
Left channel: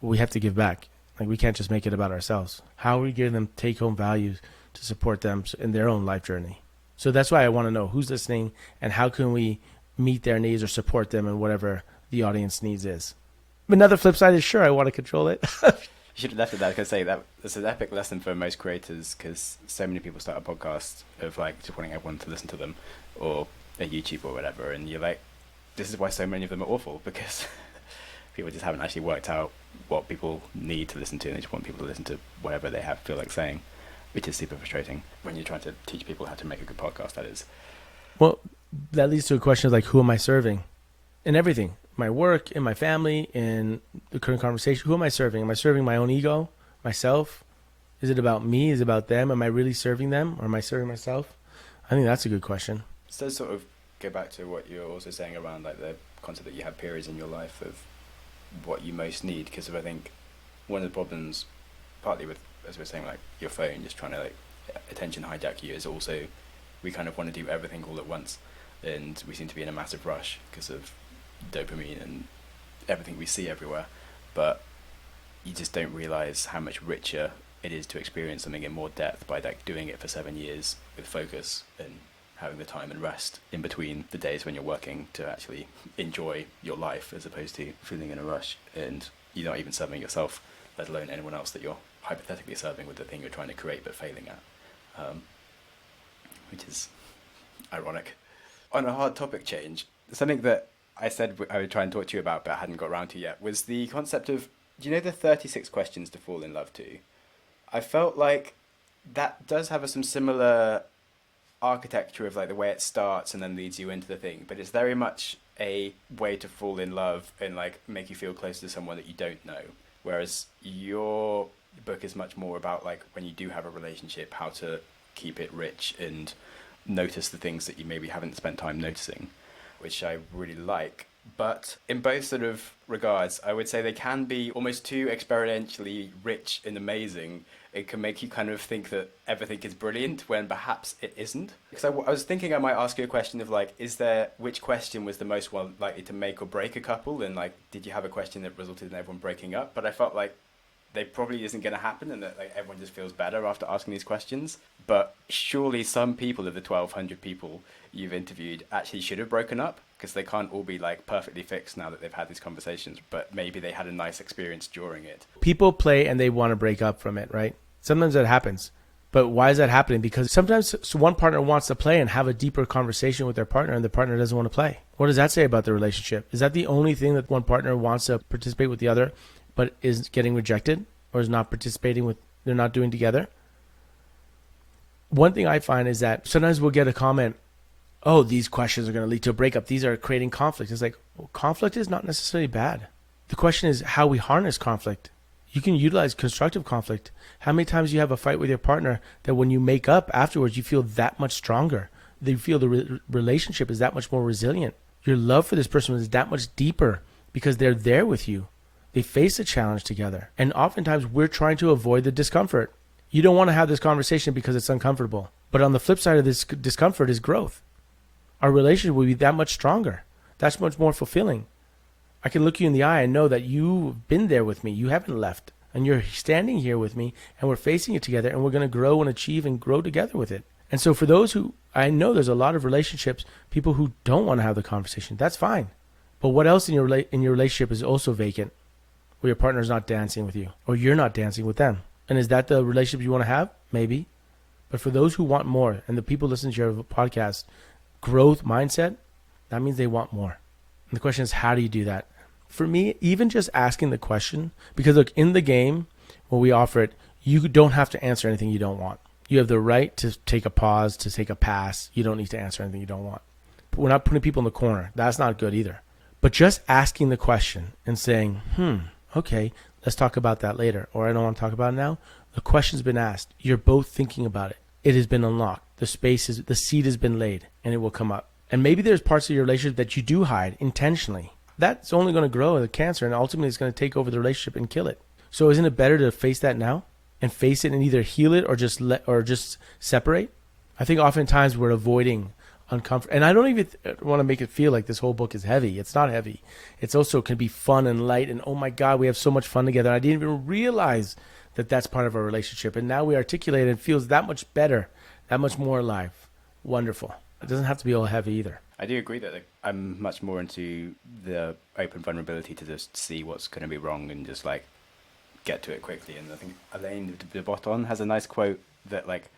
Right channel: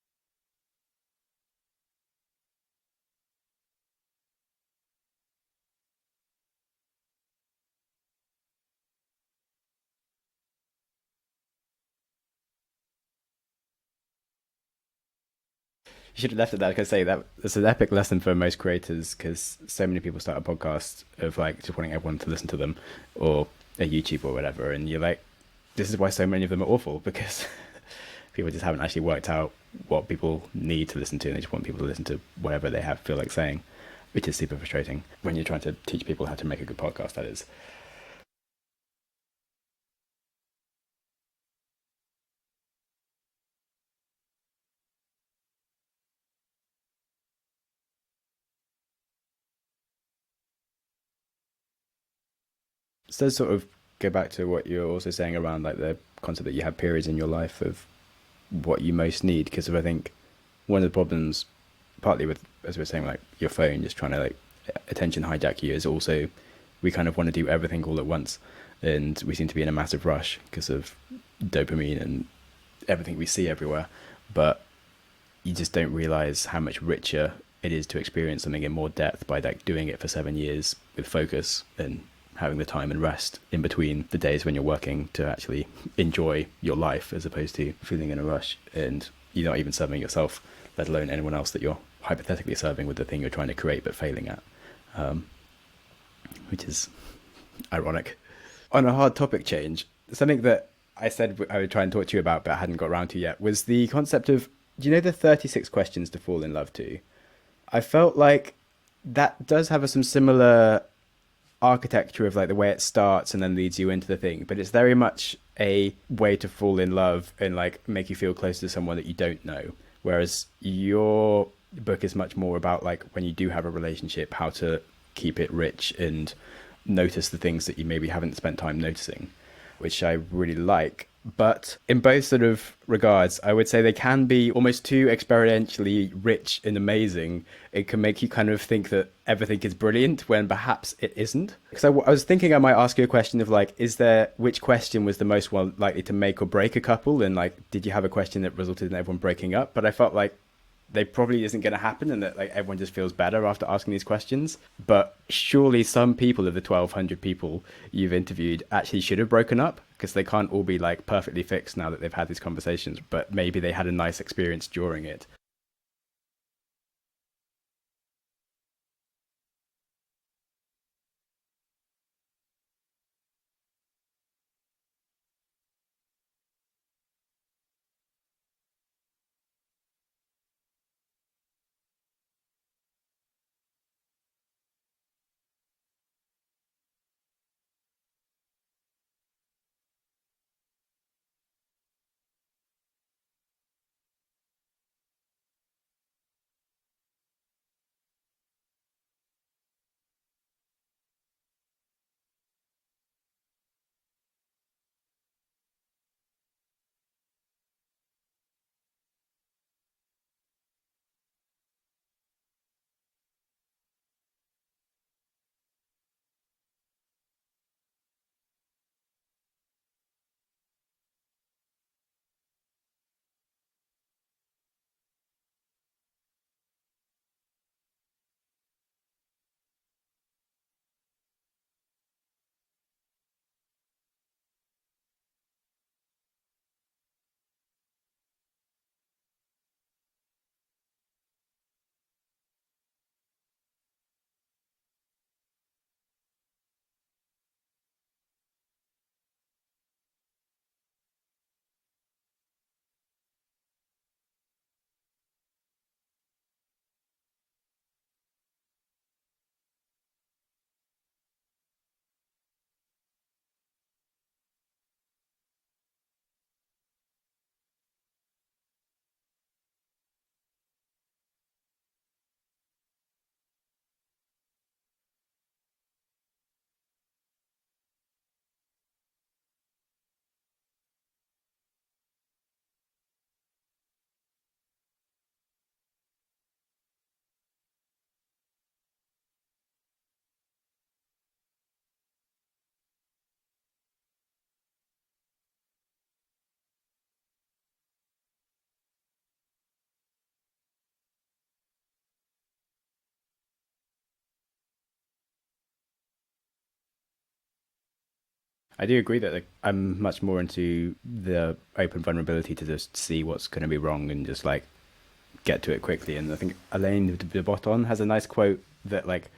We have to give back. Like we can't just make it about ourselves. How are we giving them take-home values to support them in their own life journey? So that's why I want to know who's listening and how can we meet their needs or support them in whatever the audience needs is. Another flip side is sure, I want to control it. You should have left it there. Because say that it's an epic lesson for most creators, because so many people start a podcast of like just wanting everyone to listen to them, or a YouTube or whatever, and you're like, this is why so many of them are awful, because people just haven't actually worked out what people need to listen to, and they just want people to listen to whatever they feel like saying, which is super frustrating when you're trying to teach people how to make a good podcast. That is. Well, that leads to a question of like, who am I serving? In everything. My work, in my family, in the current conversation. Who am I serving? Am I serving my own ego, myself? Is it about me? Is it about them? Am I really serving them, or am I serving myself? I think that's a good question. So sort of go back to what you're also saying around like the concept that you have periods in your life of what you most need, because I think one of the problems, partly with, as we were saying, like your phone just trying to like attention hijack you, is also we kind of want to do everything all at once, and we seem to be in a massive rush because of dopamine and everything we see everywhere, but you just don't realize how much richer it is to experience something in more depth by like doing it for 7 years with focus and having the time and rest in between the days when you're working to actually enjoy your life, as opposed to feeling in a rush and you're not even serving yourself, let alone anyone else that you're hypothetically serving with the thing you're trying to create but failing at, which is ironic. On a hard topic change, something that I said I would try and talk to you about but I hadn't got around to yet was the concept of, do you know the 36 questions to fall in love to? I felt like that does have some similar architecture of like the way it starts and then leads you into the thing, but it's very much a way to fall in love and like make you feel close to someone that you don't know, whereas your book is much more about like when you do have a relationship, how to keep it rich and notice the things that you maybe haven't spent time noticing, which I really like. But in both sort of regards, I would say they can be almost too experientially rich and amazing. It can make you kind of think that everything is brilliant when perhaps it isn't. Because I was thinking I might ask you a question of like, which question was the most likely to make or break a couple? And like, did you have a question that resulted in everyone breaking up? But I felt like they probably isn't going to happen, and that like everyone just feels better after asking these questions. But surely some people of the 1,200 people you've interviewed actually should have broken up, because they can't all be like perfectly fixed now that they've had these conversations, but maybe they had a nice experience during it. People play and they want to break up from it, right? Sometimes that happens. But why is that happening? Because sometimes one partner wants to play and have a deeper conversation with their partner, and the partner doesn't want to play. What does that say about the relationship? Is that the only thing that one partner wants to participate with the other, but is getting rejected or is not participating with, they're not doing together? One thing I find is that sometimes we'll get a comment, oh, these questions are going to lead to a breakup. These are creating conflict. It's like, well, conflict is not necessarily bad. The question is how we harness conflict. You can utilize constructive conflict. How many times you have a fight with your partner that when you make up afterwards, you feel that much stronger. You feel the relationship is that much more resilient. Your love for this person is that much deeper because they're there with you. They face a challenge together. And oftentimes we're trying to avoid the discomfort. You don't want to have this conversation because it's uncomfortable. But on the flip side of this discomfort is growth. Our relationship will be that much stronger. That's much more fulfilling. I can look you in the eye and know that you've been there with me. You haven't left. And you're standing here with me, and we're facing it together, and we're going to grow and achieve and grow together with it. And so for those who, I know there's a lot of relationships, people who don't want to have the conversation. That's fine. But what else in your relationship is also vacant? Where your partner's not dancing with you, or you're not dancing with them. And is that the relationship you want to have? Maybe. But for those who want more, and the people listening to your podcast, growth mindset, that means they want more. And the question is, how do you do that? For me, even just asking the question, because look, in the game, when we offer it, you don't have to answer anything you don't want. You have the right to take a pause, to take a pass. You don't need to answer anything you don't want. But we're not putting people in the corner. That's not good either. But just asking the question and saying, okay, let's talk about that later, or I don't want to talk about it now. The question's been asked. You're both thinking about it. It has been unlocked. The seed has been laid, and it will come up. And maybe there's parts of your relationship that you do hide intentionally. That's only going to grow as a cancer, and ultimately it's going to take over the relationship and kill it. So isn't it better to face that now and face it and either heal it or just separate? I think oftentimes we're avoiding uncomfortable. And I don't even want to make it feel like this whole book is heavy. It's not heavy. It's also can be fun and light. And oh my God, we have so much fun together. I didn't even realize that that's part of our relationship. And now we articulate it and it feels that much better, that much more alive. wonderful. It doesn't have to be all heavy either. I do agree that I'm much more into the open vulnerability to just see what's going to be wrong and just like get to it quickly. And I think Alain de Botton has a nice quote that like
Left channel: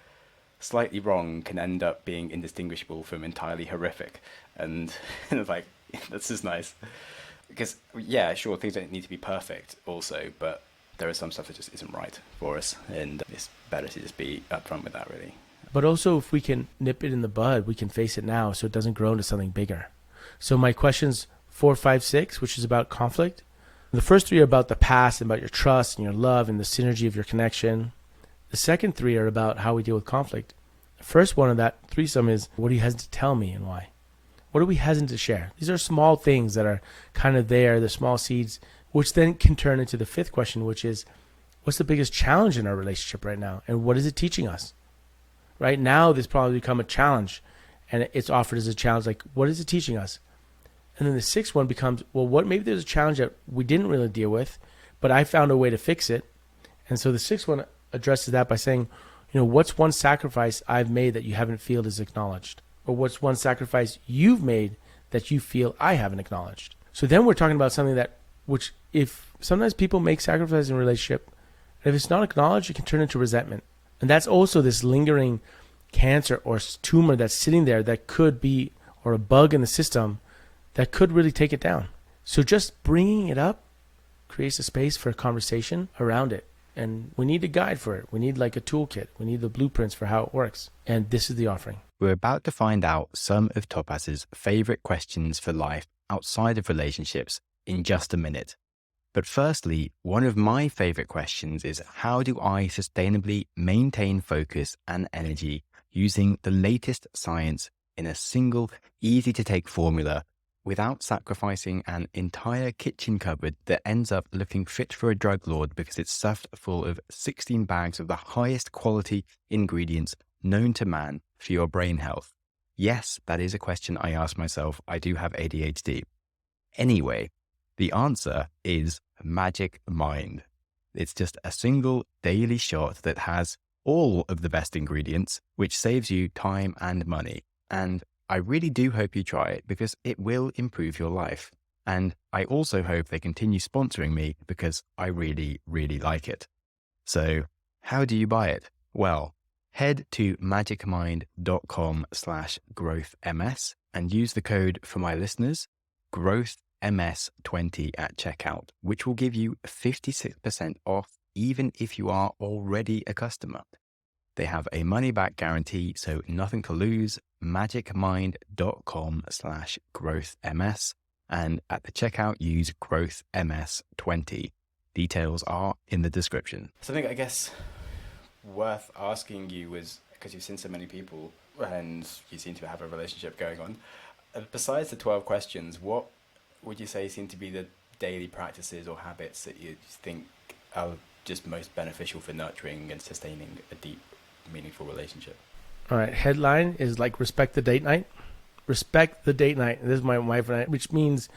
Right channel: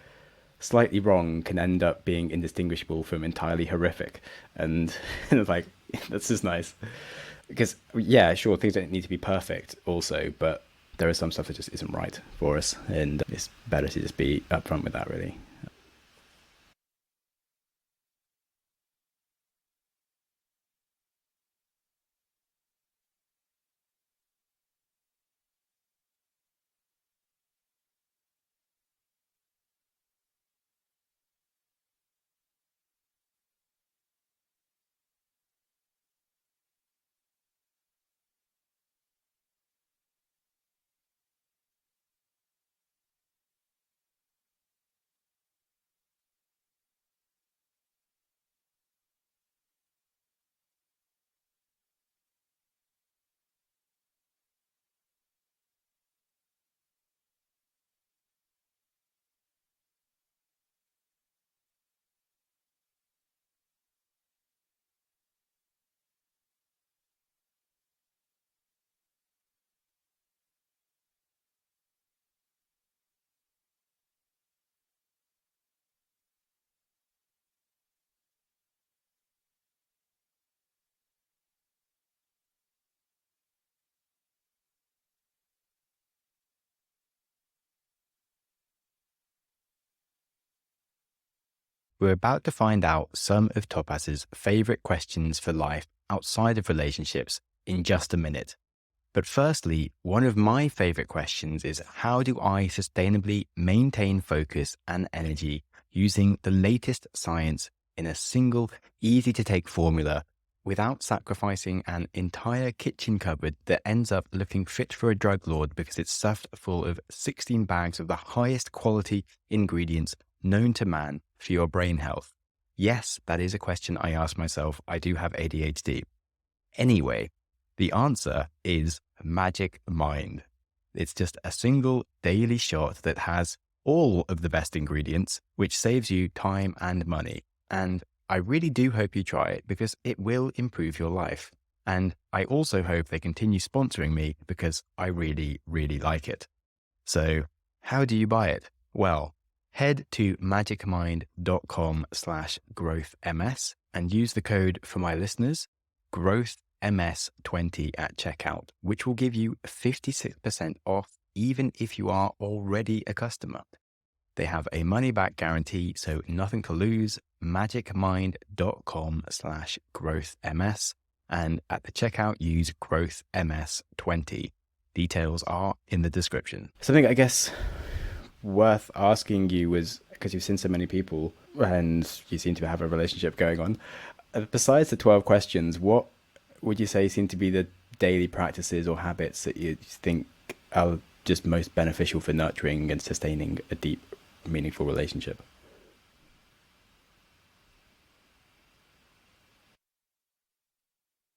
slightly wrong can end up being indistinguishable from entirely horrific. And it's like, that's just nice. Because, yeah, sure, things don't need to be perfect also, but there is some stuff that just isn't right for us. And it's better to just be upfront with that, really. But also, if we can nip it in the bud, we can face it now so it doesn't grow into something bigger. So my questions 4, 5, 6, which is about conflict. The first 3 are about the past and about your trust and your love and the synergy of your connection. The second 3 are about how we deal with conflict. The first one of that threesome is, what are you hesitant to tell me and why? What are we hesitant to share? These are small things that are kind of there, the small seeds, which then can turn into the 5th question, which is, what's the biggest challenge in our relationship right now? And what is it teaching us? Right now, this probably become a challenge, and it's offered as a challenge, like, what is it teaching us? And then the 6th one becomes, well, what, maybe there's a challenge that we didn't really deal with, but I found a way to fix it. And so the 6th one addresses that by saying, what's one sacrifice I've made that you haven't feel is acknowledged? Or what's one sacrifice you've made that you feel I haven't acknowledged? So then we're talking about something which if sometimes people make sacrifices in a relationship, and if it's not acknowledged, it can turn into resentment. And that's also this lingering cancer or tumor that's sitting there that could be, or a bug in the system that could really take it down. So just bringing it up creates a space for a conversation around it. And we need a guide for it. We need like a toolkit. We need the blueprints for how it works. And this is the offering. We're about to find out some of Topaz's favorite questions for life outside of relationships in just a minute. But firstly, one of my favorite questions is, how do I sustainably maintain focus and energy using the latest science in a single, easy to take formula without sacrificing an entire kitchen cupboard that ends up looking fit for a drug lord because it's stuffed full of 16 bags of the highest quality ingredients known to man for your brain health? Yes, that is a question I ask myself. I do have ADHD. Anyway, the answer is Magic Mind. It's just a single daily shot that has all of the best ingredients, which saves you time and money. And I really do hope you try it because it will improve your life. And I also hope they continue sponsoring me because I really, really like it. So how do you buy it? Well, head to magicmind.com/growthms and use the code for my listeners, growthms20 at checkout, which will give you 56% off even if you are already a customer. They have a money-back guarantee, so nothing to lose. magicmind.com/growthms. And at the checkout, use growthms20. Details are in the description. Something I guess worth asking you was, because you've seen so many people and you seem to have a relationship going on, besides the 12 questions, what would you say seem to be the daily practices or habits that you think are just most beneficial for nurturing and sustaining a deep, meaningful relationship? All right. Headline is like, respect the date night. Respect the date night. And this is my wife and I, which means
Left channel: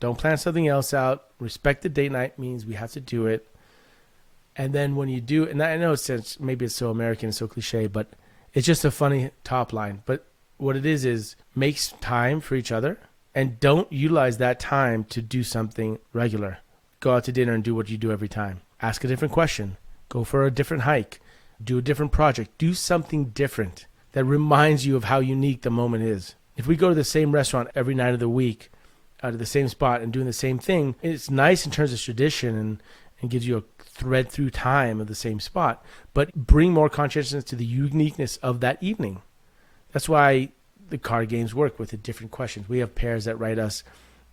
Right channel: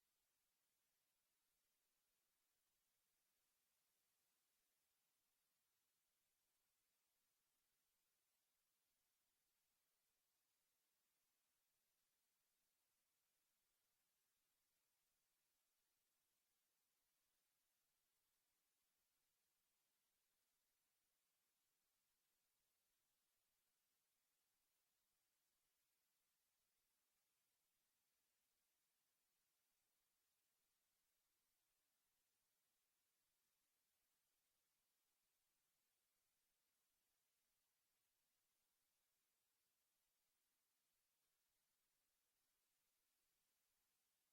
don't plan something else out. Respect the date night means we have to do it. And then when you do, and I know maybe it's so American, so cliche, but it's just a funny top line. But what it is make time for each other and don't utilize that time to do something regular. Go out to dinner and do what you do every time. Ask a different question. Go for a different hike. Do a different project. Do something different that reminds you of how unique the moment is. If we go to the same restaurant every night of the week, out of the same spot and doing the same thing, it's nice in terms of tradition and gives you a thread through time of the same spot, but bring more consciousness to the uniqueness of that evening. That's why the card games work with the different questions. We have pairs that write us,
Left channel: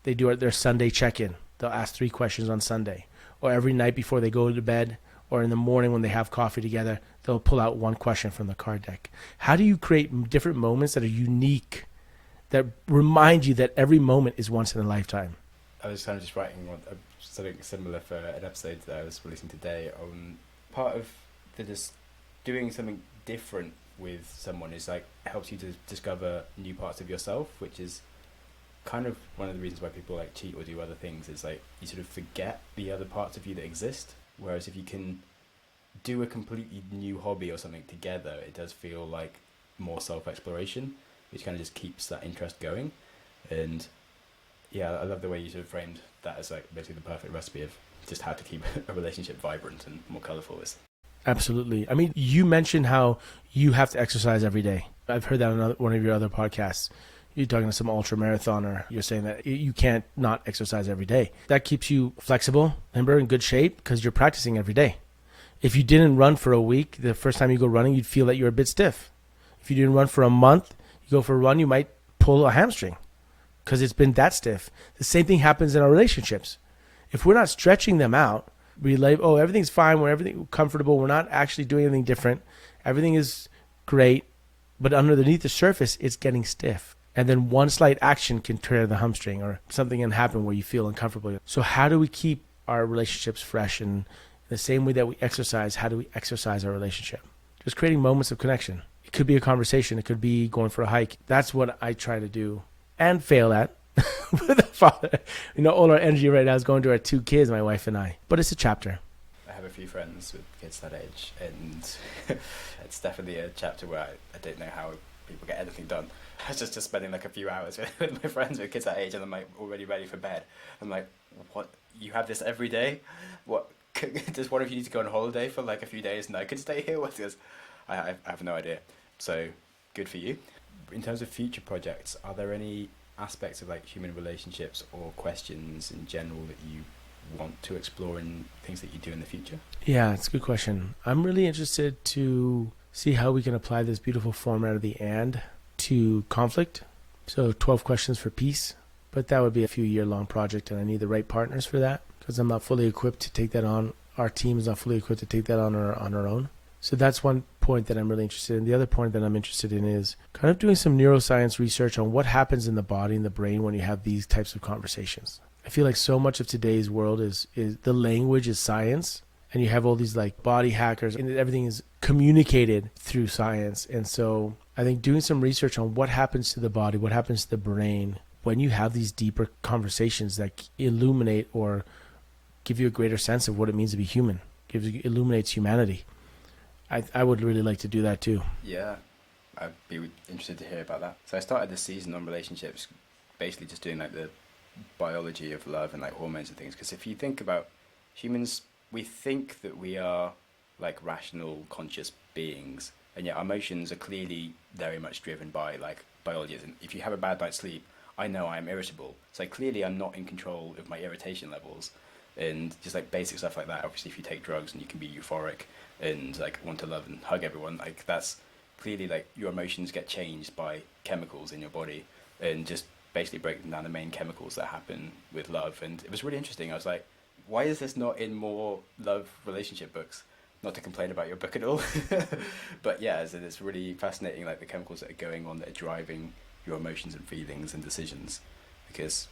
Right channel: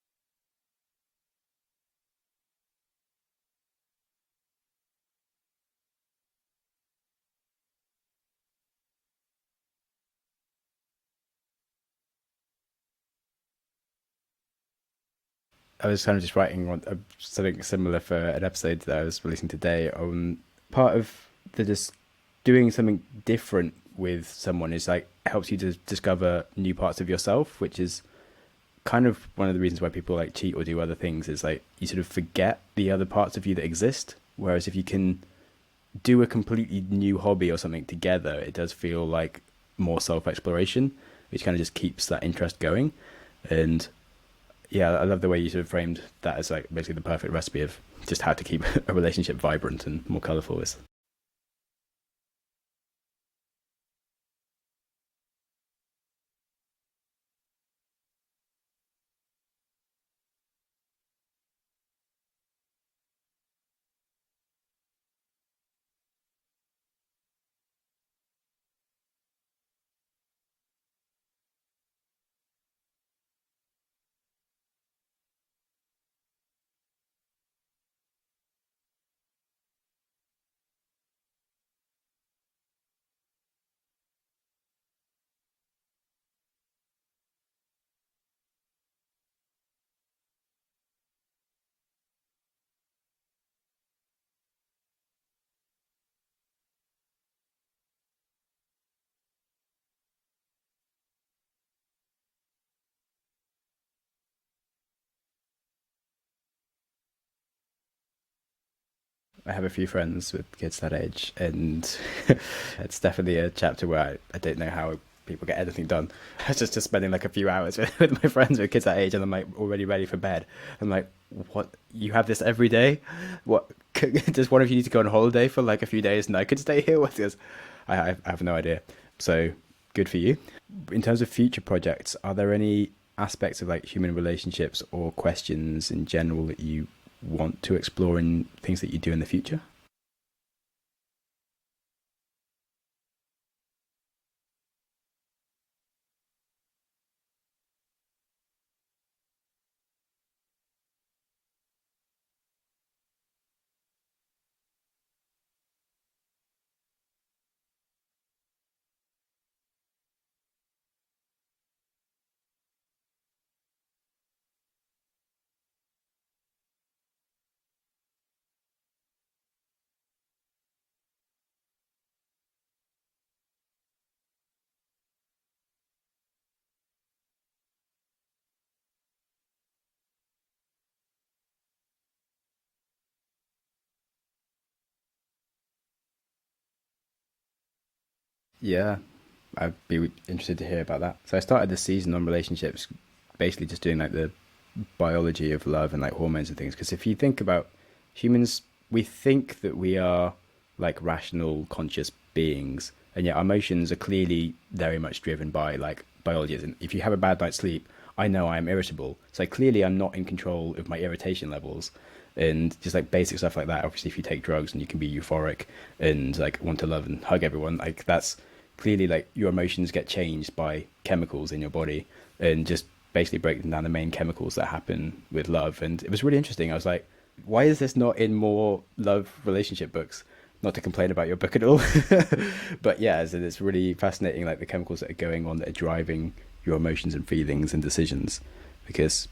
they do their Sunday check-in. They'll ask 3 questions on Sunday, or every night before they go to bed, or in the morning when they have coffee together, they'll pull out 1 question from the card deck. How do you create different moments that are unique, that remind you that every moment is once in a lifetime? I was kind of just writing something similar for an episode that I was releasing today. Part of the just doing something different with someone is like helps you to discover new parts of yourself, which is kind of one of the reasons why people like cheat or do other things, is like you sort of forget the other parts of you that exist. Whereas if you can do a completely new hobby or something together, it does feel like more self-exploration, which kind of just keeps that interest going. And yeah, I love the way you sort of framed that as like basically the perfect recipe of just how to keep a relationship vibrant and more colorful. Absolutely. I mean, you mentioned how you have to exercise every day. I've heard that on one of your other podcasts. You're talking to some ultra marathoner. You're saying that you can't not exercise every day. That keeps you flexible, remember, in good shape because you're practicing every day. If you didn't run for a week, the first time you go running, you'd feel that you're a bit stiff. If you didn't run for a month, you go for a run, you might pull a hamstring because it's been that stiff. The same thing happens in our relationships. If we're not stretching them out, we like, oh, everything's fine, we're everything comfortable, we're not actually doing anything different, everything is great, but underneath the surface, it's getting stiff. And then one slight action can tear the hamstring or something can happen where you feel uncomfortable. So how do we keep our relationships fresh? And the same way that we exercise, how do we exercise our relationship? Just creating moments of connection. It could be a conversation. It could be going for a hike. That's what I try to do and fail at. With a father. All our energy right now is going to our 2 kids, my wife and I. But it's a chapter. I have a few friends with kids that age, and it's definitely a chapter where I don't know how people get anything done. I was just spending like a few hours with my friends with kids that age, and I'm like already ready for bed. I'm like, what? You have this every day? What? Does one of you need to go on holiday for like a few days and I could stay here with this? I have no idea. So good for you. In terms of future projects, are there any aspects of like human relationships or questions in general that you want to explore in things that you do in the future? Yeah, it's a good question. I'm really interested to see how we can apply this beautiful format of the and to conflict. So 12 questions for peace, but that would be a few year-long project and I need the right partners for that because I'm not fully equipped to take that on. Our team is not fully equipped to take that on our own. So that's one point that I'm really interested in. The other point that I'm interested in is kind of doing some neuroscience research on what happens in the body and the brain when you have these types of conversations. I feel like so much of today's world is the language is science, and you have all these like body hackers and everything is communicated through science. And so I think doing some research on what happens to the body, what happens to the brain when you have these deeper conversations that illuminate or give you a greater sense of what it means to be human, illuminates humanity. I would really like to do that too. Yeah, I'd be interested to hear about that. So I started this season on relationships, basically just doing like the biology of love and like hormones and things. Because if you think about humans, we think that we are like rational, conscious beings, and yet our emotions are clearly very much driven by like biology. And if you have a bad night's sleep, I know I'm irritable. So clearly I'm not in control of my irritation levels. And just like basic stuff like that. Obviously, if you take drugs and you can be euphoric and like want to love and hug everyone, like that's clearly like your emotions get changed by chemicals in your body, and just basically breaking down the main chemicals that happen with love. And it was really interesting. I was like, why is this not in more love relationship books? Not to complain about your book at all, but yeah, it's really fascinating, like the chemicals that are going on that are driving your emotions and feelings and decisions. Because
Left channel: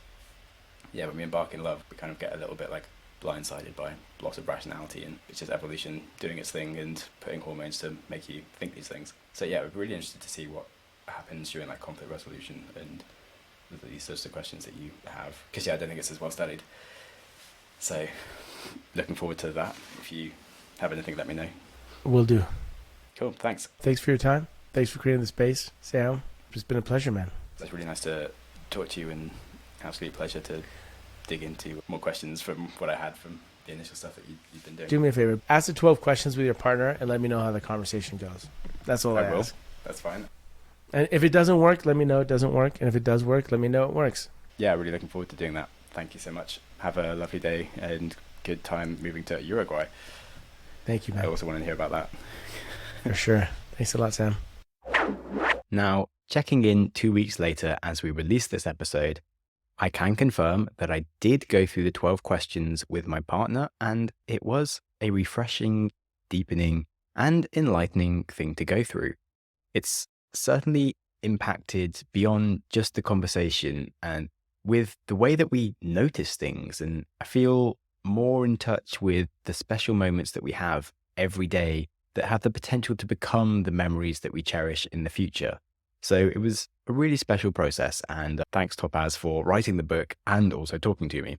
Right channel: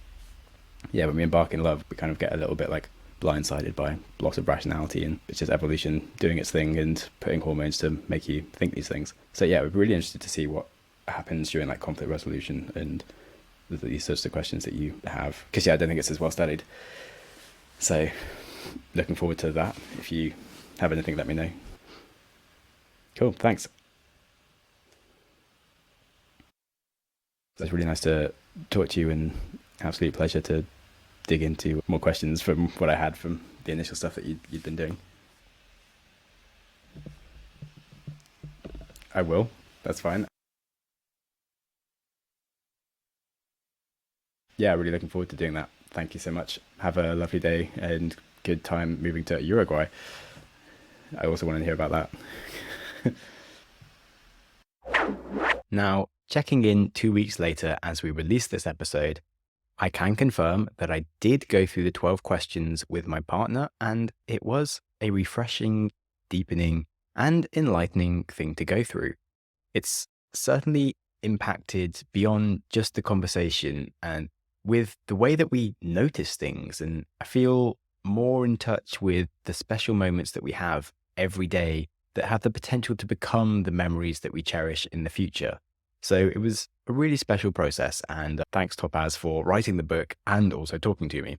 yeah, when we embark in love, we kind of get a little bit like blindsided by loss of rationality, and it's just evolution doing its thing and putting hormones to make you think these things. So yeah, we're really interested to see what happens during like conflict resolution and these sorts of questions that you have, because yeah, I don't think it's as well studied. So looking forward to that. If you have anything, let me know. Will do. Cool, thanks for your time. Thanks for creating the space, Sam. It's been a pleasure, man. It's really nice to talk to you, and absolute pleasure to dig into more questions from what I had from the initial stuff that you've been doing. Do me a favor. Ask the 12 questions with your partner and let me know how the conversation goes. That's all I will. ask. That's fine. And if it doesn't work, let me know it doesn't work. And if it does work, let me know it works. Yeah, really looking forward to doing that. Thank you so much. Have a lovely day and good time moving to Uruguay. Thank you, man. I also want to hear about that. For sure. Thanks a lot, Sam. Now, checking in 2 weeks later as we release this episode, I can confirm that I did go through the 12 questions with my partner, and it was a refreshing, deepening, and enlightening thing to go through. It's certainly impacted beyond just the conversation and with the way that we notice things, and I feel more in touch with the special moments that we have every day that have the potential to become the memories that we cherish in the future. So it was a really special process, and thanks Topaz for writing the book and also talking to me.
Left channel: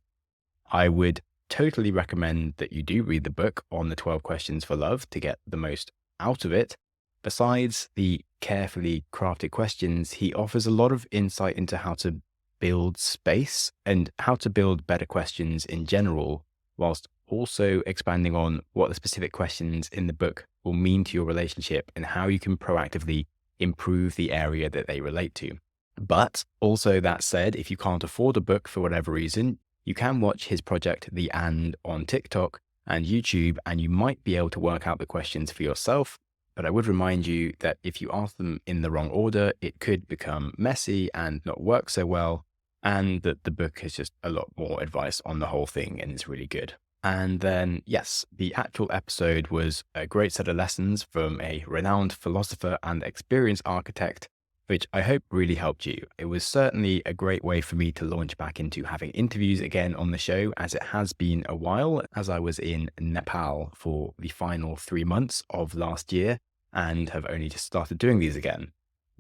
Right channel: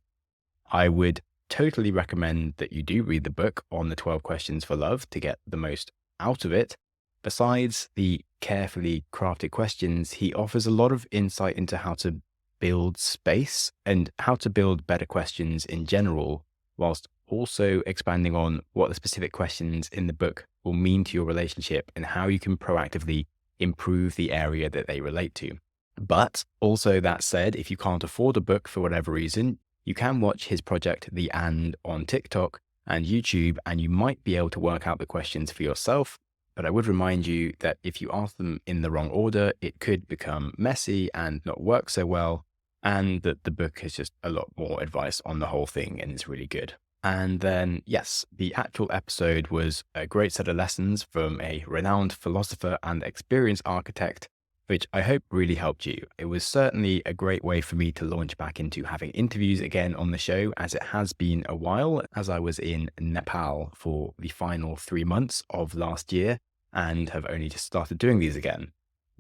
I would totally recommend that you do read the book on the 12 questions for love to get the most out of it. Besides the carefully crafted questions, he offers a lot of insight into how to build space and how to build better questions in general, whilst also expanding on what the specific questions in the book will mean to your relationship and how you can proactively improve the area that they relate to. But also, that said, if you can't afford a book for whatever reason, you can watch his project, The And, on TikTok and YouTube, and you might be able to work out the questions for yourself. But I would remind you that if you ask them in the wrong order, it could become messy and not work so well, and that the book has just a lot more advice on the whole thing, and it's really good. And then, yes, the actual episode was a great set of lessons from a renowned philosopher and experienced architect, which I hope really helped you. It was certainly a great way for me to launch back into having interviews again on the show, as it has been a while, as I was in Nepal for the final 3 months of last year and have only just started doing these again.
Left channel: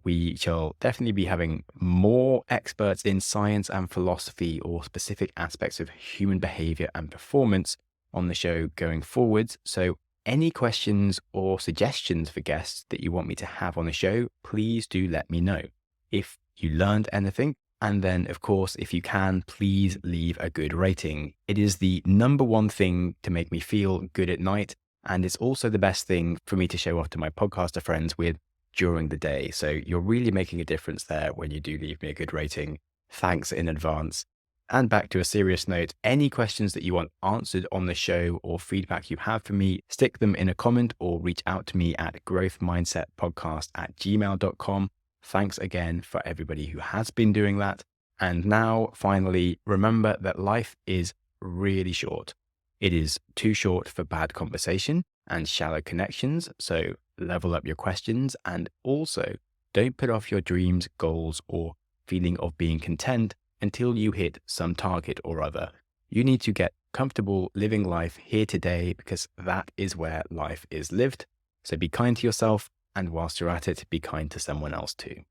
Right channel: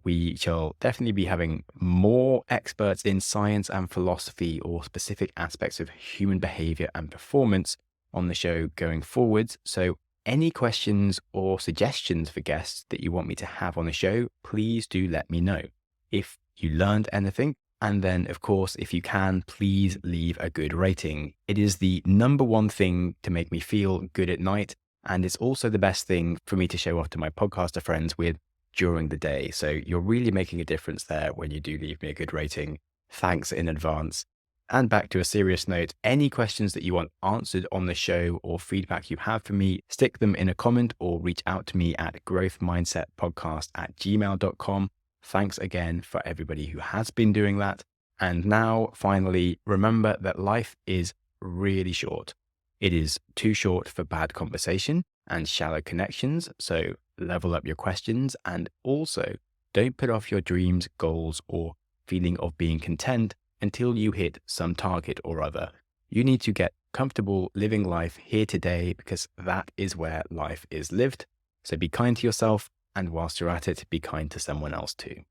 We shall definitely be having more experts in science and philosophy or specific aspects of human behavior and performance on the show going forwards. So any questions or suggestions for guests that you want me to have on the show, please do let me know. If you learned anything, and then, of course, if you can, please leave a good rating. It is the number one thing to make me feel good at night, and it's also the best thing for me to show off to my podcaster friends with during the day. So you're really making a difference there when you do leave me a good rating. Thanks in advance. And back to a serious note, any questions that you want answered on the show or feedback you have for me, stick them in a comment or reach out to me at growthmindsetpodcast@gmail.com. Thanks again for everybody who has been doing that. And now, finally, remember that life is really short. It is too short for bad conversation and shallow connections. So level up your questions, and also don't put off your dreams, goals, or feeling of being content until you hit some target or other. You need to get comfortable living life here today, because that is where life is lived. So be kind to yourself, and whilst you're at it, be kind to someone else too.